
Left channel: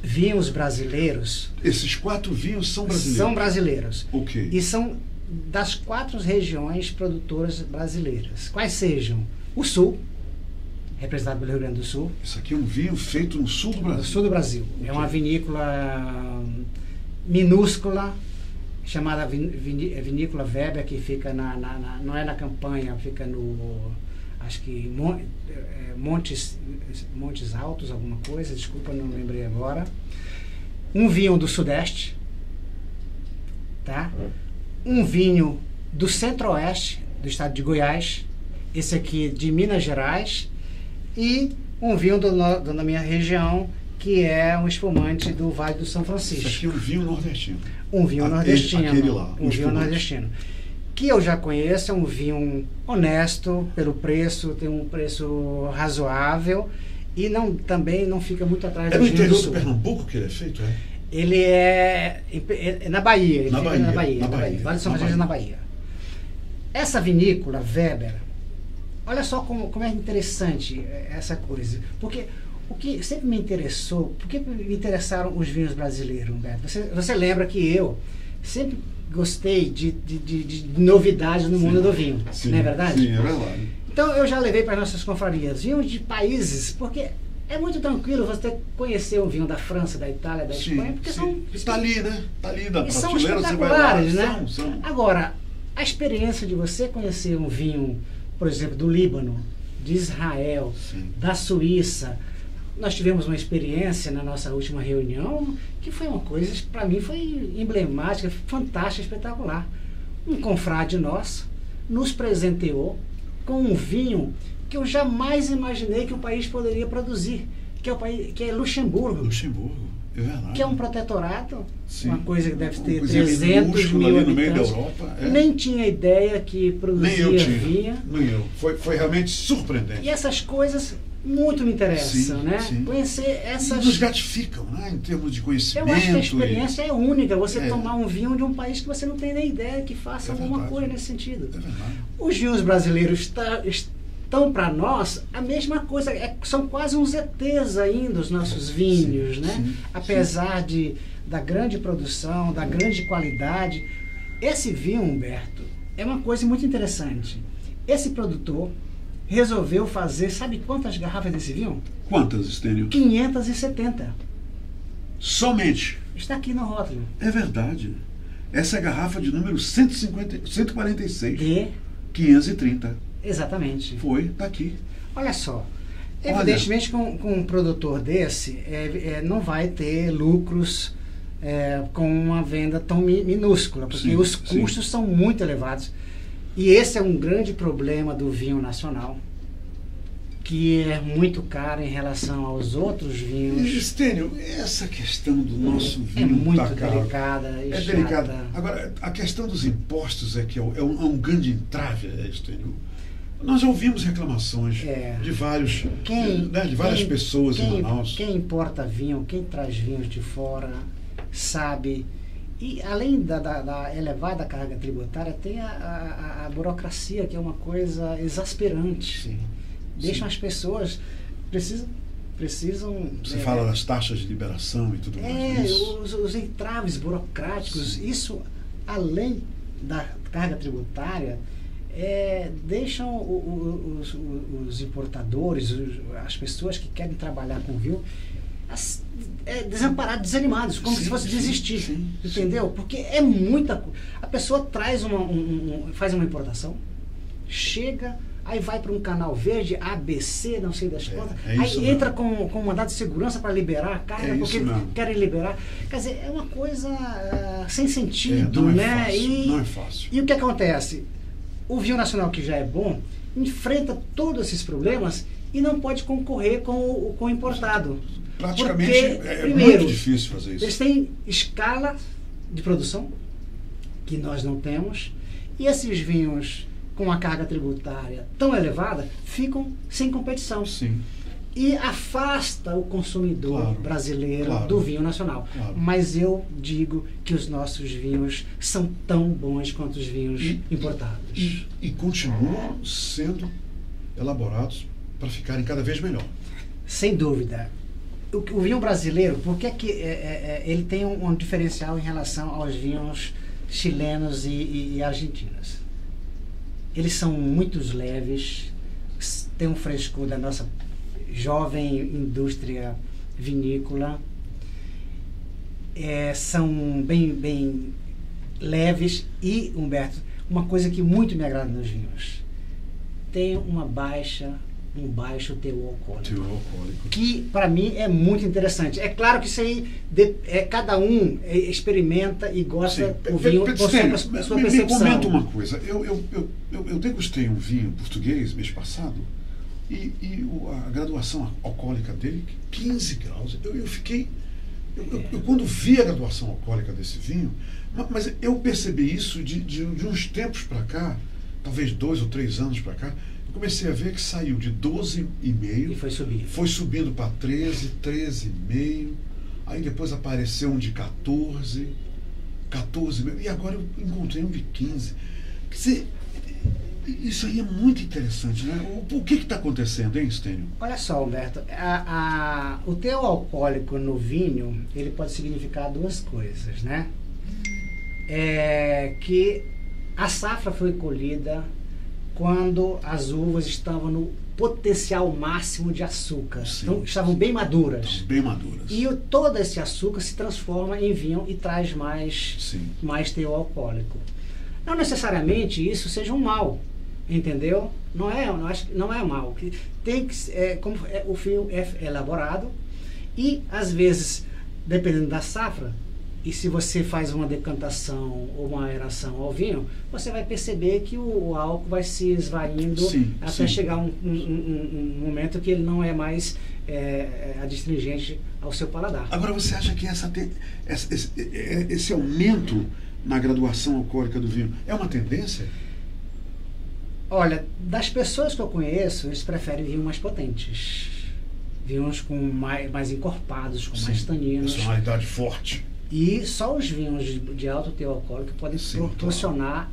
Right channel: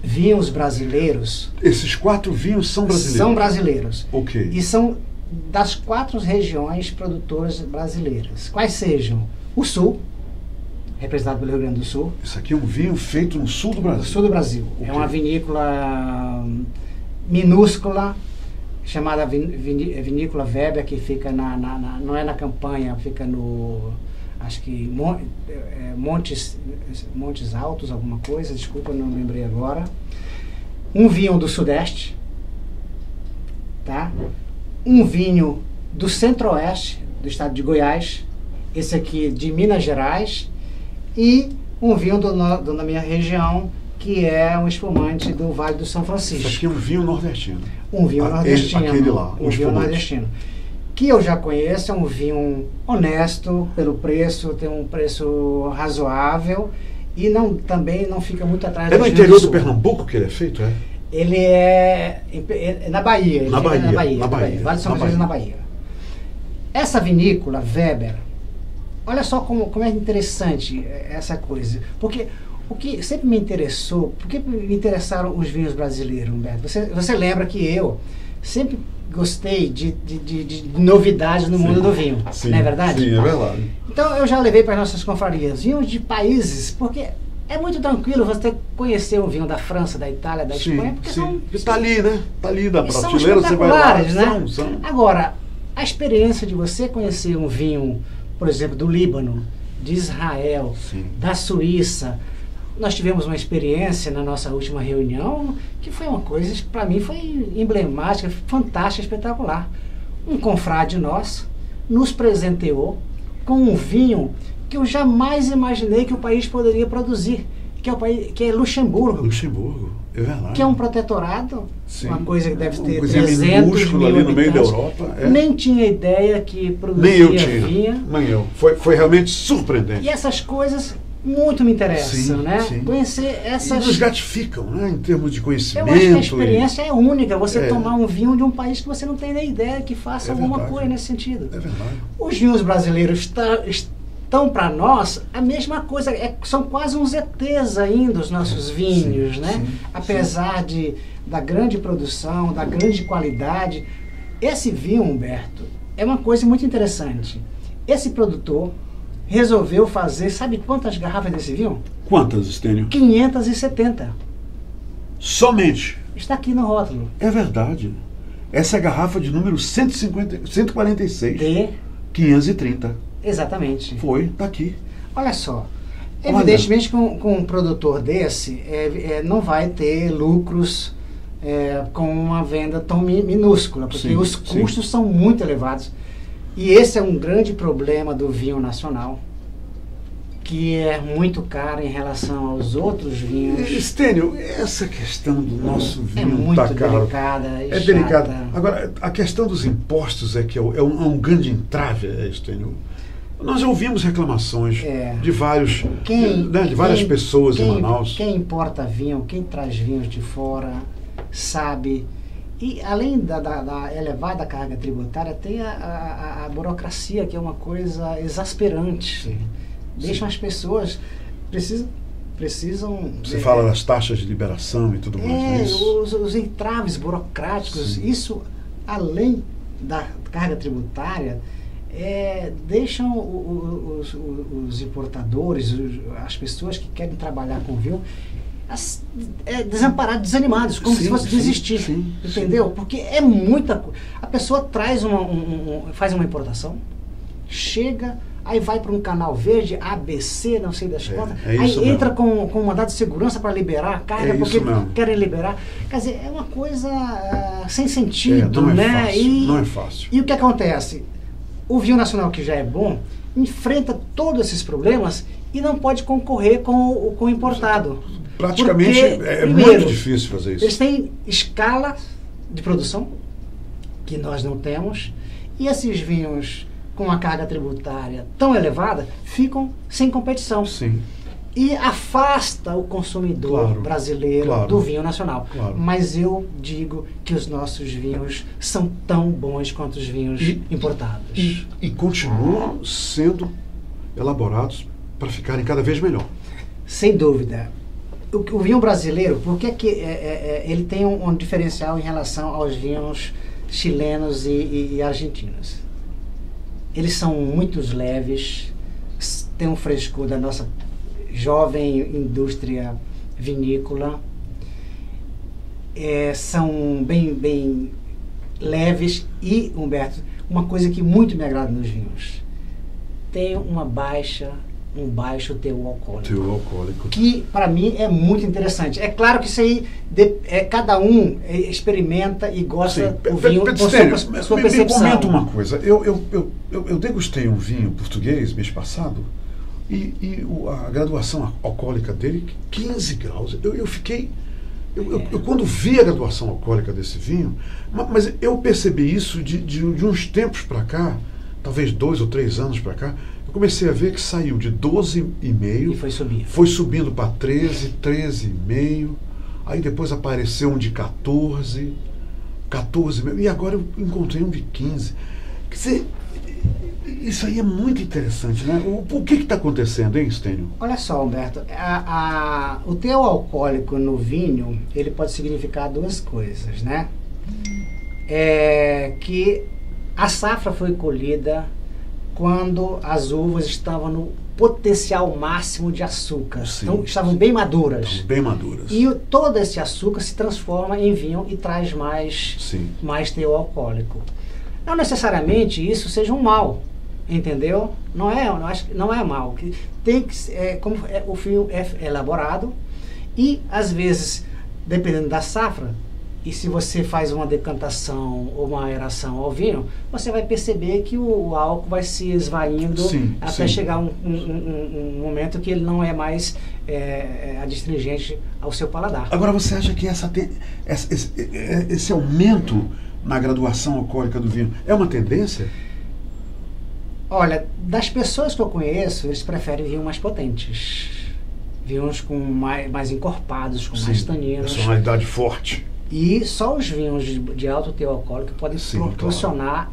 vinhos brasileiros. Esses 4 vinhos são brasileiros? São brasileiros. Ok. E são das 4 regiões produtoras brasileiras. Quais sejam? O Sul, representado pelo Rio Grande do Sul. Isso aqui é um vinho feito no sul do Brasil? No sul do Brasil. Okay. É uma vinícola minúscula, chamada Vinícola Weber, que fica não é na Campanha, fica no... acho que Montes Altos, alguma coisa, desculpa, não lembrei agora. Um vinho do Sudeste, tá? Um vinho do Centro-Oeste, do estado de Goiás, esse aqui de Minas Gerais, e um vinho da minha região, que é um espumante do Vale do São Isso Francisco. aqui é um vinho nordestino. Um vinho nordestino. Aquele lá, um vinho nordestino. Que eu já conheço, é um vinho honesto pelo preço, tem um preço razoável e também não fica muito atrás É do no interior do Pernambuco que ele é feito, é? Ele é na Bahia. Ele Na fica Bahia, na Bahia. na Bahia, Vale do São na Francisco, na Bahia. Bahia. Essa vinícola, Weber, olha só como é interessante essa coisa. Porque o que sempre me interessou, por que me interessaram os vinhos brasileiros, Humberto? Você lembra que eu sempre gostei de novidades no mundo do vinho, Sim, não é verdade? Sim, é verdade. Então eu já levei para as nossas confrarias vinhos de países, porque é muito tranquilo você conhecer o vinho da França, da Itália, da Espanha, porque são... Está ali, né? Está ali da E são prateleira, você vai lá. espetaculares, né? Agora, a experiência de você conhecer um vinho, por exemplo, do Líbano, de Israel, Sim. da Suíça. Nós tivemos uma experiência na nossa última reunião que foi uma coisa, para mim, foi emblemática, fantástica, espetacular. Um confrade nosso nos presenteou com um vinho que eu jamais imaginei que o país poderia produzir, que é Luxemburgo. Luxemburgo, é verdade. Que é um protetorado, Sim. uma coisa que deve ter Uma coisinha 300 minúscula mil ali no meio da habitantes. Europa. É. Nem tinha ideia que produzia Nem eu tinha. vinho. Nem eu. Foi realmente surpreendente. E essas coisas muito me interessam, Sim, né? sim. Conhecer essas... E nos gratificam, né? Em termos de Eu conhecimento. acho que a experiência é única, você É. tomar um vinho de um país que você não tem nem ideia que faça É alguma verdade. coisa nesse sentido. É verdade. Os vinhos brasileiros estão para nós a mesma coisa, são quase uns ETs ainda os nossos vinhos, Sim, né? sim, Apesar da grande produção, da grande qualidade. Esse vinho, Humberto, é uma coisa muito interessante. Esse produtor resolveu fazer, sabe quantas garrafas desse vinho? Quantas, Estênio? 570. Somente. Está aqui no rótulo. É verdade. Essa é a garrafa de número 146. De... 530. Exatamente. Foi, tá aqui. Olha só. Olha. Evidentemente, com um produtor desse, não vai ter lucros com uma venda tão minúscula, porque Sim, os custos são muito elevados. E esse é um grande problema do vinho nacional, que é muito caro em relação aos outros vinhos. Estênio, essa questão do nosso É vinho muito tá caro. delicada e É chata. delicado. Agora, a questão dos impostos é que é um grande entrave, Estênio. Nós já ouvimos reclamações de várias pessoas em Manaus. Quem importa vinho, quem traz vinhos de fora, sabe. E além da elevada carga tributária, tem a burocracia, que é uma coisa exasperante. Sim. Deixam as pessoas... Precisam... Você fala das taxas de liberação e tudo mais. Isso. Os entraves burocráticos, Sim. isso, além da carga tributária, deixam os importadores, as pessoas que querem trabalhar com vinho, desamparados, desanimados, como se fosse desistir. Sim, entendeu? Porque é muita coisa. A pessoa traz faz uma importação, chega, aí vai para um canal verde, ABC, não sei das quantas, aí entra com um mandado de segurança para liberar a carga, porque querem liberar. Quer dizer, é uma coisa sem sentido, não né? É fácil, não é fácil. E o que acontece? O vinho nacional, que já é bom, enfrenta todos esses problemas e não pode concorrer com o importado. Praticamente porque, muito difícil fazer isso. Eles têm escala de produção, que nós não temos, e esses vinhos com a carga tributária tão elevada ficam sem competição. Sim. E afasta o consumidor brasileiro do vinho nacional. Claro. Mas eu digo que os nossos vinhos são tão bons quanto os vinhos importados. E continuam sendo elaborados para ficarem cada vez melhor. Sem dúvida. O vinho brasileiro, por que ele tem um diferencial em relação aos vinhos chilenos e argentinos? Eles são muito leves, têm um frescor da nossa jovem indústria vinícola, são bem leves e, Humberto, uma coisa que muito me agrada nos vinhos, tem um baixo teor alcoólico. Que, para mim, é muito interessante. É claro que isso aí, cada um experimenta e gosta do vinho com a sua percepção. Me comenta uma coisa. Eu degustei um vinho português mês passado, A graduação alcoólica dele, 15 graus. Eu fiquei... Eu quando vi a graduação alcoólica desse vinho, mas eu percebi isso de uns tempos para cá, talvez 2 ou 3 anos para cá, eu comecei a ver que saiu de 12,5 E foi subir. Foi subindo para 13, 13,5, aí depois apareceu um de 14, 14,5, e agora eu encontrei um de 15. Quer dizer, isso aí é muito interessante, né? O que está acontecendo, hein, Stênio? Olha só, Humberto, o teor alcoólico no vinho, ele pode significar 2 coisas, né? Que a safra foi colhida quando as uvas estavam no potencial máximo de açúcar. Sim, então, estavam bem maduras. Estavam bem maduras. E todo esse açúcar se transforma em vinho e traz mais teor alcoólico. Não necessariamente isso seja um mal, entendeu? Não é mal. Tem que, o vinho é elaborado e, às vezes, dependendo da safra, e se você faz uma decantação ou uma aeração ao vinho, você vai perceber que o álcool vai se esvaindo até chegar um momento que ele não é mais adstringente ao seu paladar. Agora, você acha que esse aumento na graduação alcoólica do vinho é uma tendência? Olha, das pessoas que eu conheço, eles preferem vinhos mais potentes. Vinhos com mais encorpados, com mais taninos. Personalidade forte. E só os vinhos de alto teor alcoólico podem proporcionar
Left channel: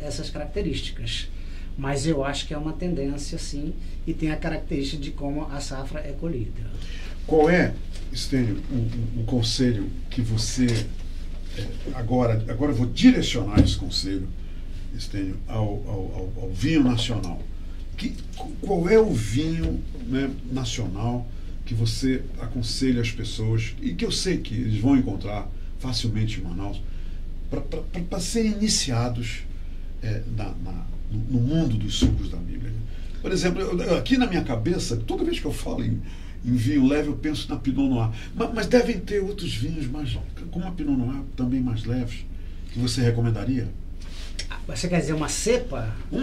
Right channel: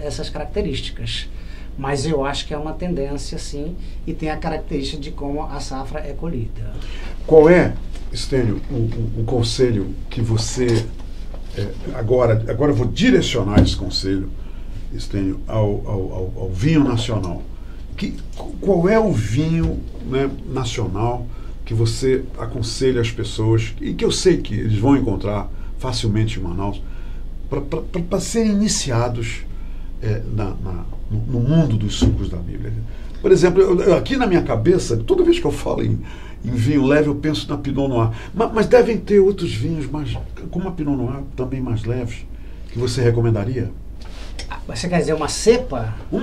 essas características. Mas eu acho que é uma tendência, sim, e tem a característica de como a safra é colhida. Qual é, Stênio, o conselho que você... Agora eu vou direcionar esse conselho, Stênio, ao vinho nacional. Qual é o vinho, né, nacional que você aconselha as pessoas, e que eu sei que eles vão encontrar facilmente em Manaus, para serem iniciados no mundo dos sucos da Bíblia? Por exemplo, aqui na minha cabeça, toda vez que eu falo em vinho leve, eu penso na Pinot Noir. Mas devem ter outros vinhos, como a Pinot Noir, também mais leves, que você recomendaria? Você quer dizer uma cepa? Um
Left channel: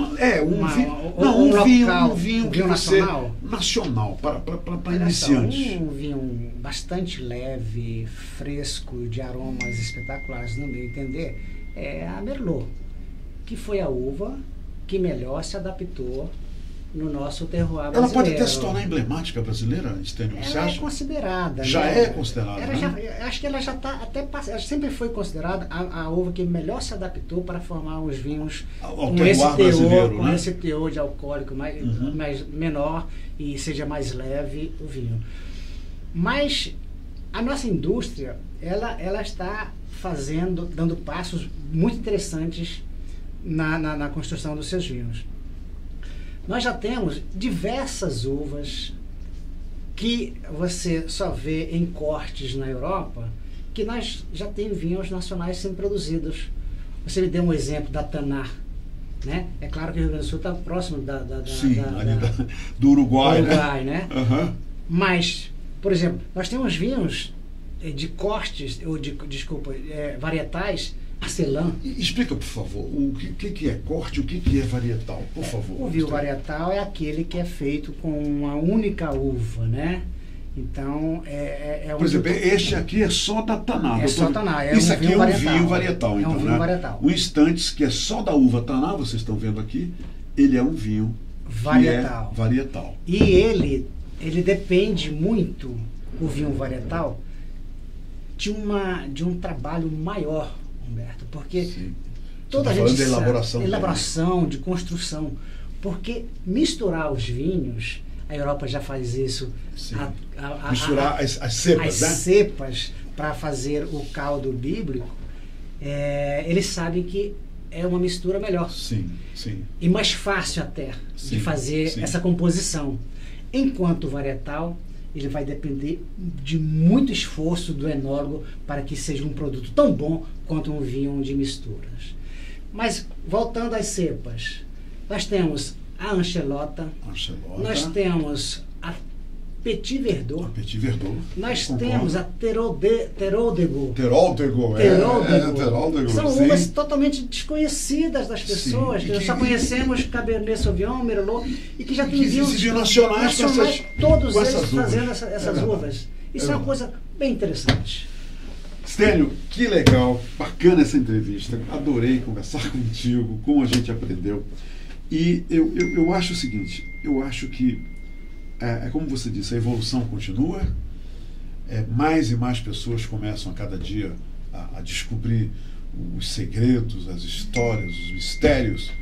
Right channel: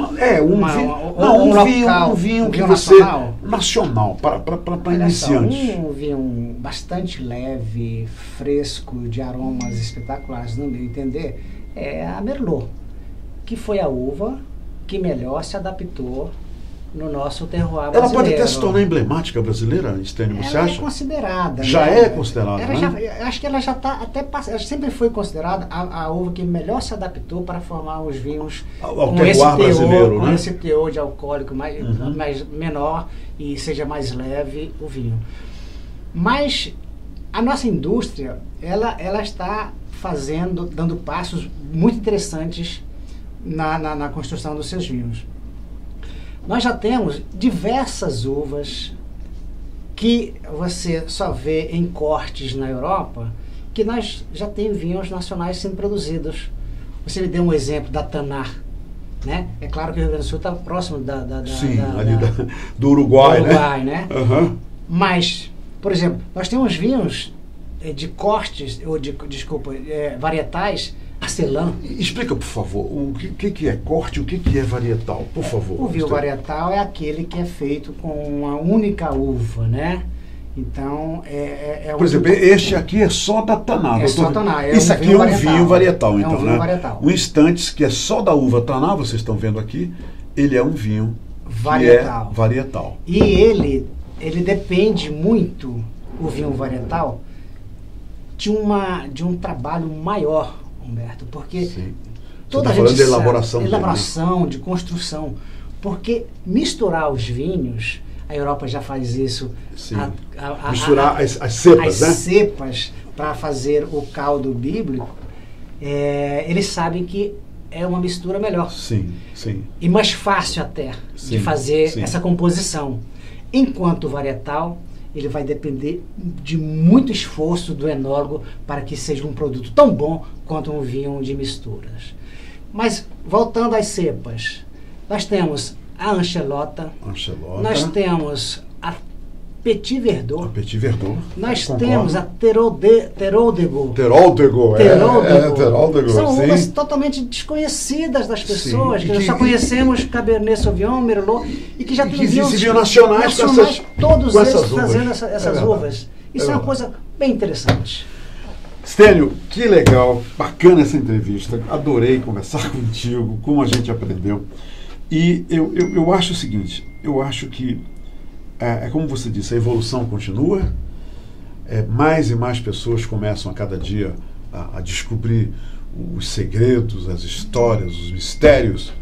vinho que você... Nacional, para iniciantes. Um vinho bastante leve, fresco, de aromas espetaculares, no meu entender, é a Merlot, que foi a uva que melhor se adaptou no nosso terroir brasileiro. Ela pode até se tornar emblemática brasileira, Stênio, você acha? É considerada. Já é considerada, acho que ela já está até... Ela sempre foi considerada a uva que melhor se adaptou para formar os vinhos ao terroir brasileiro, com esse teor de alcoólico mais menor e seja mais leve o vinho. Mas a nossa indústria, ela está dando passos muito interessantes na construção dos seus vinhos. Nós já temos diversas uvas que você só vê em cortes na Europa, que nós já temos vinhos nacionais sendo produzidos. Você me deu um exemplo da Tanar, né? É claro que o Rio Grande do Sul está próximo do Uruguai, né? Uhum. Mas, por exemplo, nós temos vinhos de cortes, varietais, Arcelã. Explica, por favor, o que é corte, o que é varietal, por favor. O vinho varietal é aquele que é feito com uma única uva, né? Então, por exemplo, este aqui é só da Taná. É só Taná. Isso aqui é um vinho varietal, então, um vinho varietal. Um instantes que é só da uva Taná, vocês estão vendo aqui, ele é um vinho varietal. E ele depende muito, o vinho varietal, de um trabalho maior, Humberto, porque toda a gente sabe, elaboração, de construção, porque misturar os vinhos, a Europa já faz isso, misturar as cepas, né? As cepas para fazer o caldo bíblico, eles sabem que é uma mistura melhor. Sim. E mais fácil até de fazer essa composição. Enquanto o varietal, ele vai depender de muito esforço do enólogo para que seja um produto tão bom quanto um vinho de misturas. Mas, voltando às cepas, nós temos a Anchelota, nós temos Petit Verdot. Petit Verdot. Nós temos a Teroldego. Teroldego. São uvas totalmente desconhecidas das pessoas, Sim, que nós só conhecemos Cabernet Sauvignon, Merlot, e que já tem vinhos nacionais todos com eles essas trazendo uvas. essas uvas. Isso é uma coisa bem interessante. Stênio, que legal, bacana essa entrevista. Adorei conversar contigo, como a gente aprendeu. E eu acho o seguinte, eu acho que, como você disse, a evolução continua, mais e mais pessoas começam a cada dia a descobrir os segredos, as histórias, os mistérios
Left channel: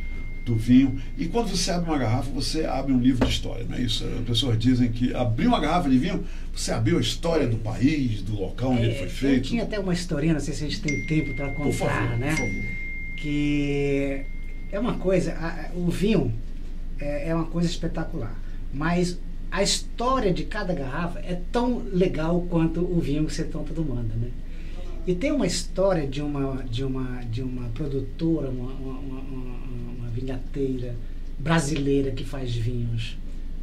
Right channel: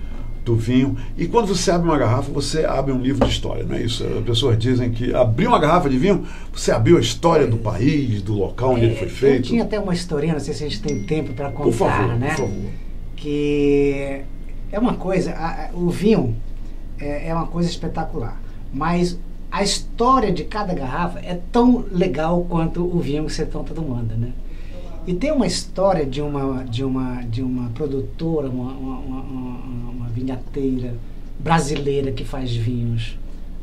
do vinho. E quando você abre uma garrafa, você abre um livro de história, não é isso? As pessoas dizem que abrir uma garrafa de vinho, você abriu a história do país, do local onde ele foi feito. Eu tinha até uma historinha, não sei se a gente tem tempo para contar, por favor, né? Por favor. Que é uma coisa, o vinho é uma coisa espetacular, mas a história de cada garrafa é tão legal quanto o vinho que você está tomando, né? E tem uma história de uma produtora, uma vinhateira brasileira que faz vinhos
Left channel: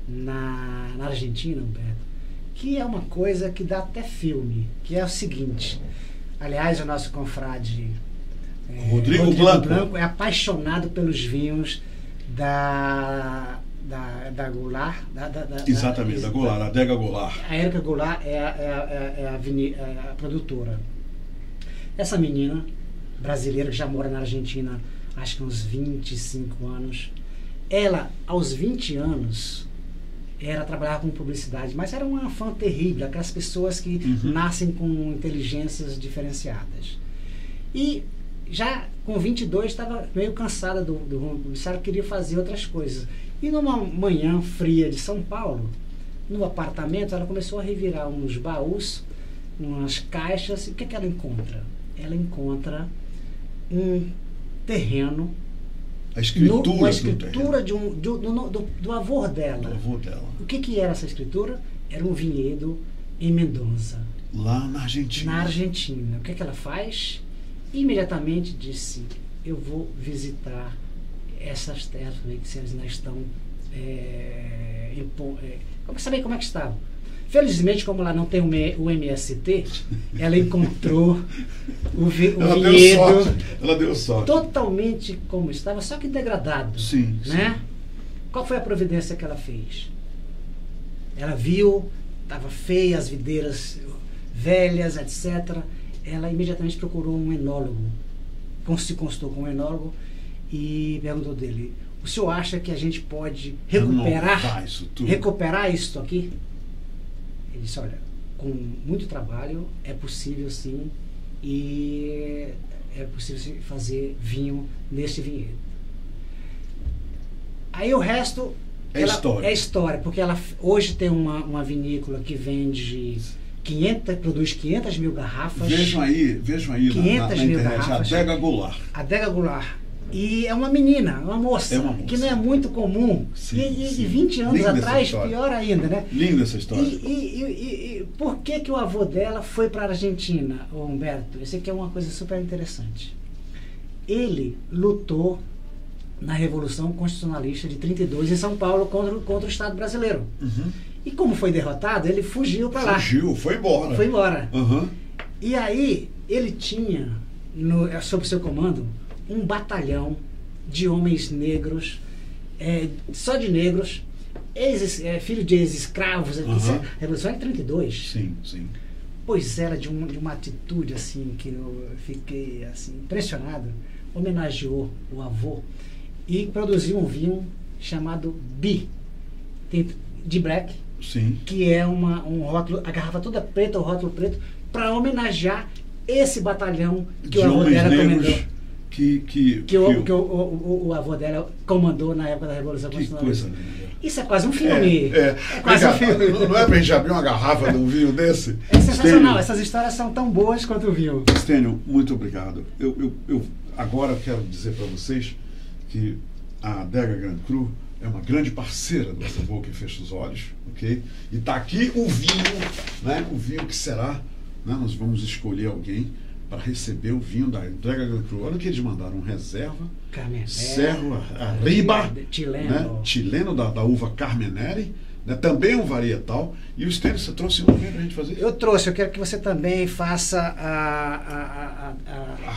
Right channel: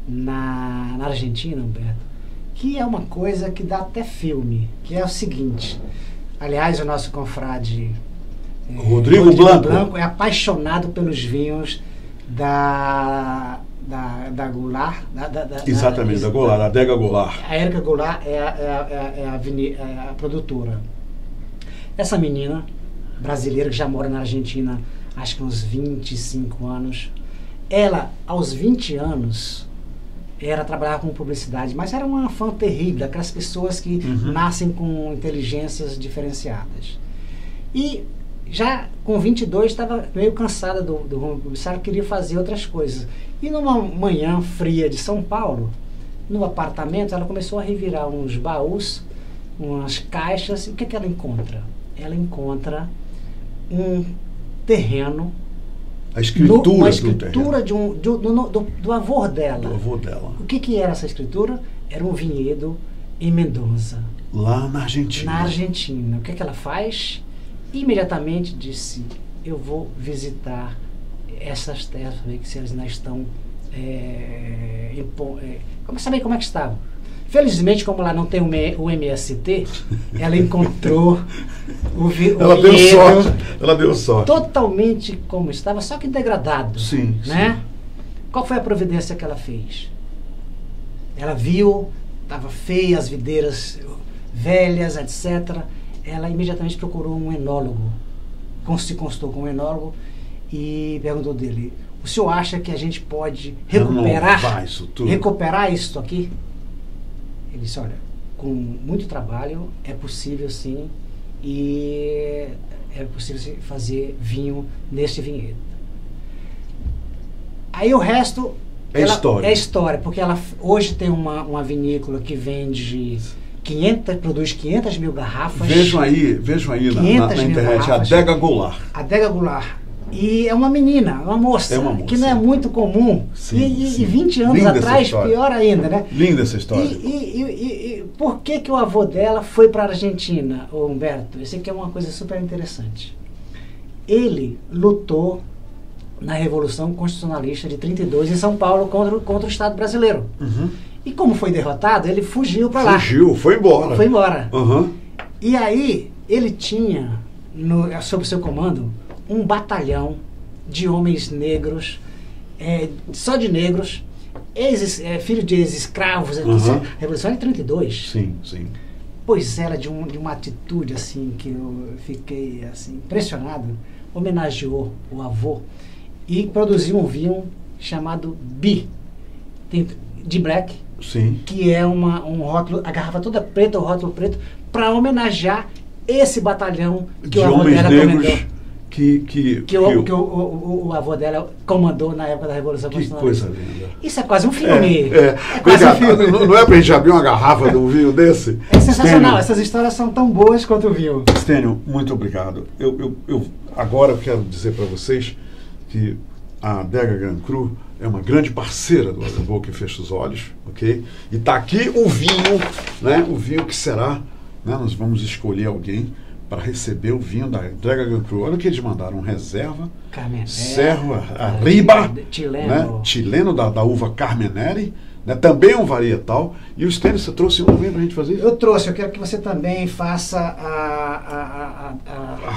na Argentina, Humberto, que é uma coisa que dá até filme, que é o seguinte. Aliás, o nosso confrade Rodrigo Blanco é apaixonado pelos vinhos da Goulart. Exatamente, da Goulart, a Adega Goulart. A Érica Goulart é a produtora. Essa menina brasileira que já mora na Argentina, acho que uns 25 anos, ela, aos 20 anos, trabalhava com publicidade, mas era uma fã terrível, aquelas pessoas que nascem com inteligências diferenciadas. E já com 22 estava meio cansada do rumo publicitário, queria fazer outras coisas. E numa manhã fria de São Paulo, no apartamento, ela começou a revirar uns baús, umas caixas, e o que ela encontra? Ela encontra um terreno, uma escritura do avô dela. Do avô dela. O que era essa escritura? Era um vinhedo em Mendoza. Lá na Argentina. Na Argentina. O que ela faz? Imediatamente disse, eu vou visitar essas terras, que elas ainda estão... Vamos saber como é que estavam. Felizmente, como lá não tem o MST, ela encontrou o vinhedo. Ela deu sorte. Totalmente como estava, só que degradado. Sim, né? sim. Qual foi a providência que ela fez? Ela viu, estava feia, as videiras velhas, etc. Ela imediatamente procurou um enólogo, se consultou com um enólogo e perguntou dele, o senhor acha que a gente pode recuperar isso aqui? Ele disse, olha, com muito trabalho é possível sim, e é possível fazer vinho nesse vinhedo. Aí o resto é história, porque ela hoje tem uma vinícola que vende... produz 500 mil garrafas. Vejam aí na internet, a Adega Goulart. Adega Goulart. E é uma menina, uma moça, que não é muito comum. E 20 anos Linda atrás, pior ainda, né? Linda essa história. E por que o avô dela foi para a Argentina, Humberto? Isso aqui é uma coisa super interessante. Ele lutou na Revolução Constitucionalista de 32 em São Paulo contra o Estado brasileiro. E como foi derrotado, ele fugiu para lá. Foi embora. Foi embora. E aí, ele tinha, sob seu comando, um batalhão de homens negros, só de negros, filho de ex-escravos, Revolução de 32. Sim, sim. Pois era de uma atitude assim, que eu fiquei assim, impressionado. Homenageou o avô e produziu um vinho chamado Bi, de Black. Sim. Que é um rótulo, a garrafa toda preta, o rótulo preto, para homenagear esse batalhão que o avô dela comandou. Que o avô dela comandou na época da Revolução Constitucionalista. Que coisa linda. Isso é quase um filme. Não é pra gente abrir uma garrafa de um vinho desse? É sensacional, essas histórias são tão boas quanto o vinho. Stênio, muito obrigado. Agora eu quero dizer para vocês que a Adega Grand Cru é uma grande parceira do A Boca e Fecha os Olhos, ok? E está aqui o vinho, né? O vinho que será, né? Nós vamos escolher alguém para receber o vinho da Adega Grand Cru. Olha o que eles mandaram, reserva, Cerro Arriba, chileno, né? Chileno da uva Carmenere, né? Também é um varietal. E o Stênio, você trouxe um também para a gente fazer? Eu trouxe, eu quero que você também faça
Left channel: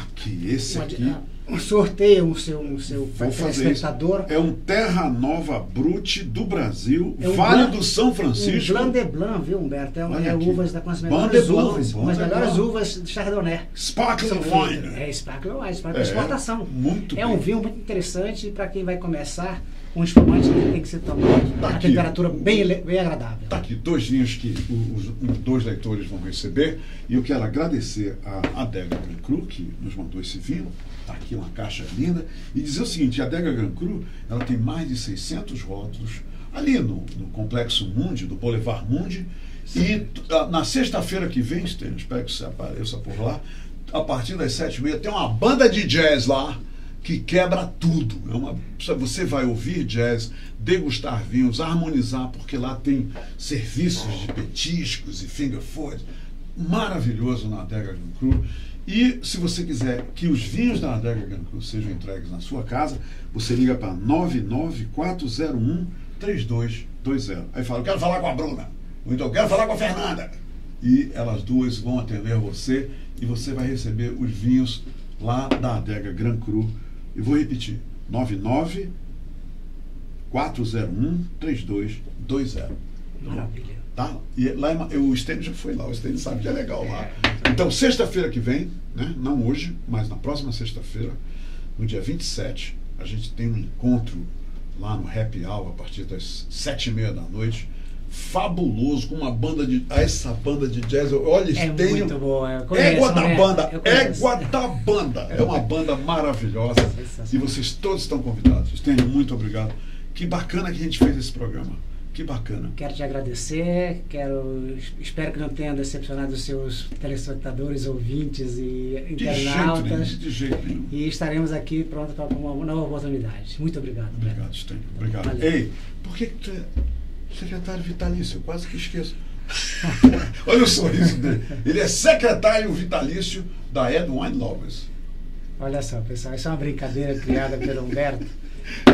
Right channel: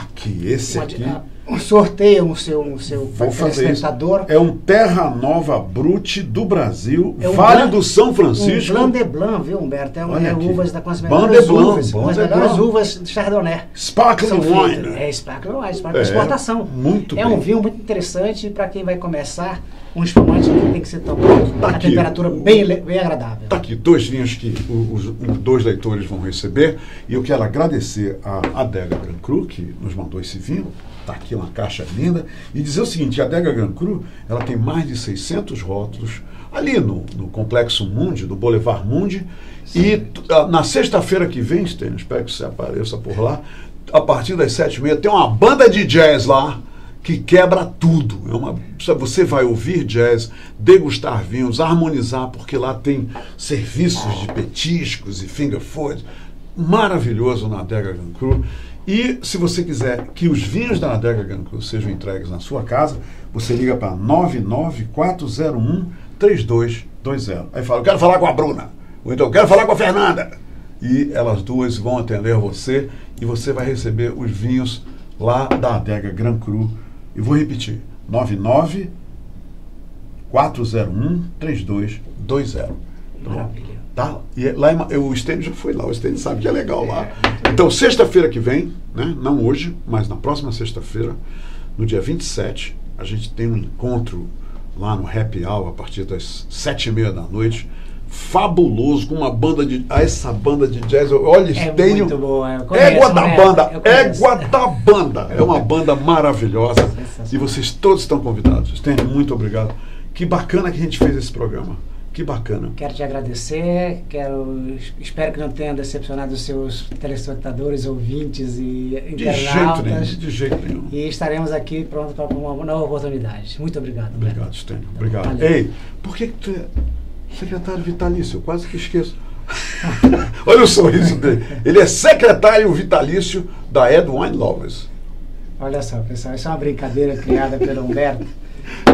Aqui, esse aqui. um sorteio, um seu Vou fazer isso. telespectador. É um Terra Nova Brut do Brasil, É um Vale do São Francisco. Um Blanc de Blanc, viu, Humberto? Olha aqui. Uvas com as Blanc melhores de Blanc, uvas, Blanc com as de melhores Blanc. uvas de Chardonnay. Sparkling São Wine. feitas. Sparkling Wine, Sparkling É, exportação. muito É bem. um vinho muito interessante para quem vai começar. Um espumante que tem que ser tomado Tá a aqui. temperatura bem agradável. Está aqui 2 vinhos que os 2 leitores vão receber. E eu quero agradecer a Adega Grand Cru, que nos mandou esse vinho. Está aqui uma caixa linda. E dizer o seguinte, a Adega Grand Cru, ela tem mais de 600 rótulos ali no Complexo Mundi, do Boulevard Mundi. E na sexta-feira que vem, Stênio, espero que você apareça por lá, a partir das 7h30, tem uma banda de jazz lá, que quebra tudo. Você vai ouvir jazz, degustar vinhos, harmonizar, porque lá tem serviços de petiscos e finger food. Maravilhoso na Adega Grand Cru. E se você quiser que os vinhos da Adega Grand Cru sejam entregues na sua casa, você liga para 99401-3220. Aí fala, eu quero falar com a Bruna. Ou então, eu quero falar com a Fernanda. E elas duas vão atender você e você vai receber os vinhos lá da Adega Grand Cru. E vou repetir, 99401-3220. Maravilha. Tá? E lá o Stênio já foi lá, o Stênio sabe que é legal lá. Então, sexta-feira que vem, né? Não hoje, mas na próxima sexta-feira, no dia 27, a gente tem um encontro lá no Happy Hour, a partir das 7h30 da noite. Fabuloso, com uma banda de... essa banda de jazz, olha, Stênio... muito boa. Égua da banda, Égua da banda. É uma banda maravilhosa. E vocês todos estão convidados. Stênio, muito obrigado. Que bacana que a gente fez esse programa. Que bacana. Quero te agradecer, espero que não tenha decepcionado os seus telespectadores, ouvintes e internautas. De jeito nenhum. E estaremos aqui prontos para uma nova oportunidade. Muito obrigado. Obrigado, Stênio. Obrigado. Valeu. Ei, por que tu é secretário vitalício? Eu quase que esqueço. Olha o sorriso dele. Ele é secretário vitalício da Ed Wine Lovers. Olha só, pessoal, isso é uma brincadeira criada pelo Humberto.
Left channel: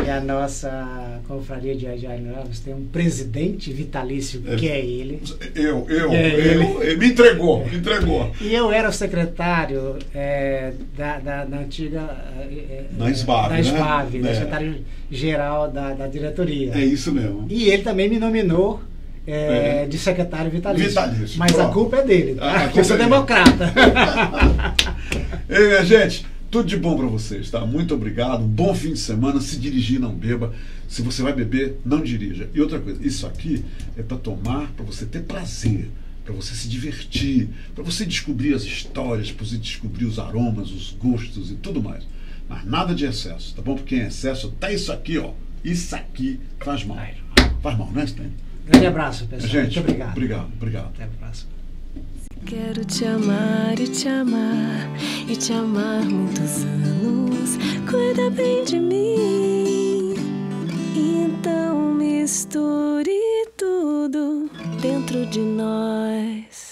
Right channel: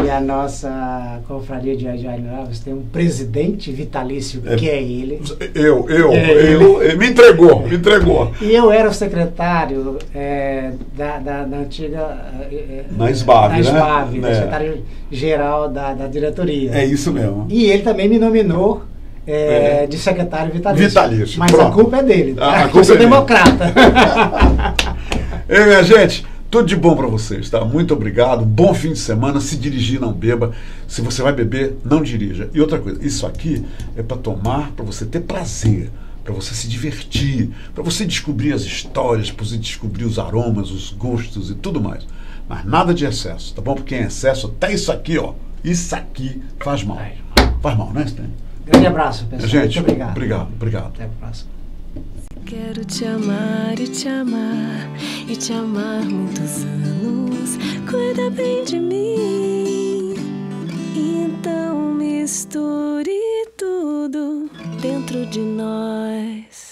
E a nossa confraria de Novos tem um presidente vitalício, que é ele. Ele me entregou. E eu era o secretário da antiga... na SBAV, né? Secretário-geral da diretoria. É isso mesmo. E ele também me nominou de secretário vitalício. Mas Pronto. a culpa é dele, tá? Porque eu sou democrata. Ei, minha gente, tudo de bom para vocês, tá? Muito obrigado, bom fim de semana. Se dirigir, não beba. Se você vai beber, não dirija. E outra coisa, isso aqui é para tomar, para você ter prazer, para você se divertir, para você descobrir as histórias, para você descobrir os aromas, os gostos e tudo mais. Mas nada de excesso, tá bom? Porque em excesso, até isso aqui, ó, isso aqui faz mal. Faz mal, né, Stênio? Grande abraço, pessoal. Gente, muito obrigado. Obrigado. Até a próxima. Quero te amar e te amar e te amar muitos anos. Cuida bem de mim. Então misture tudo dentro de nós.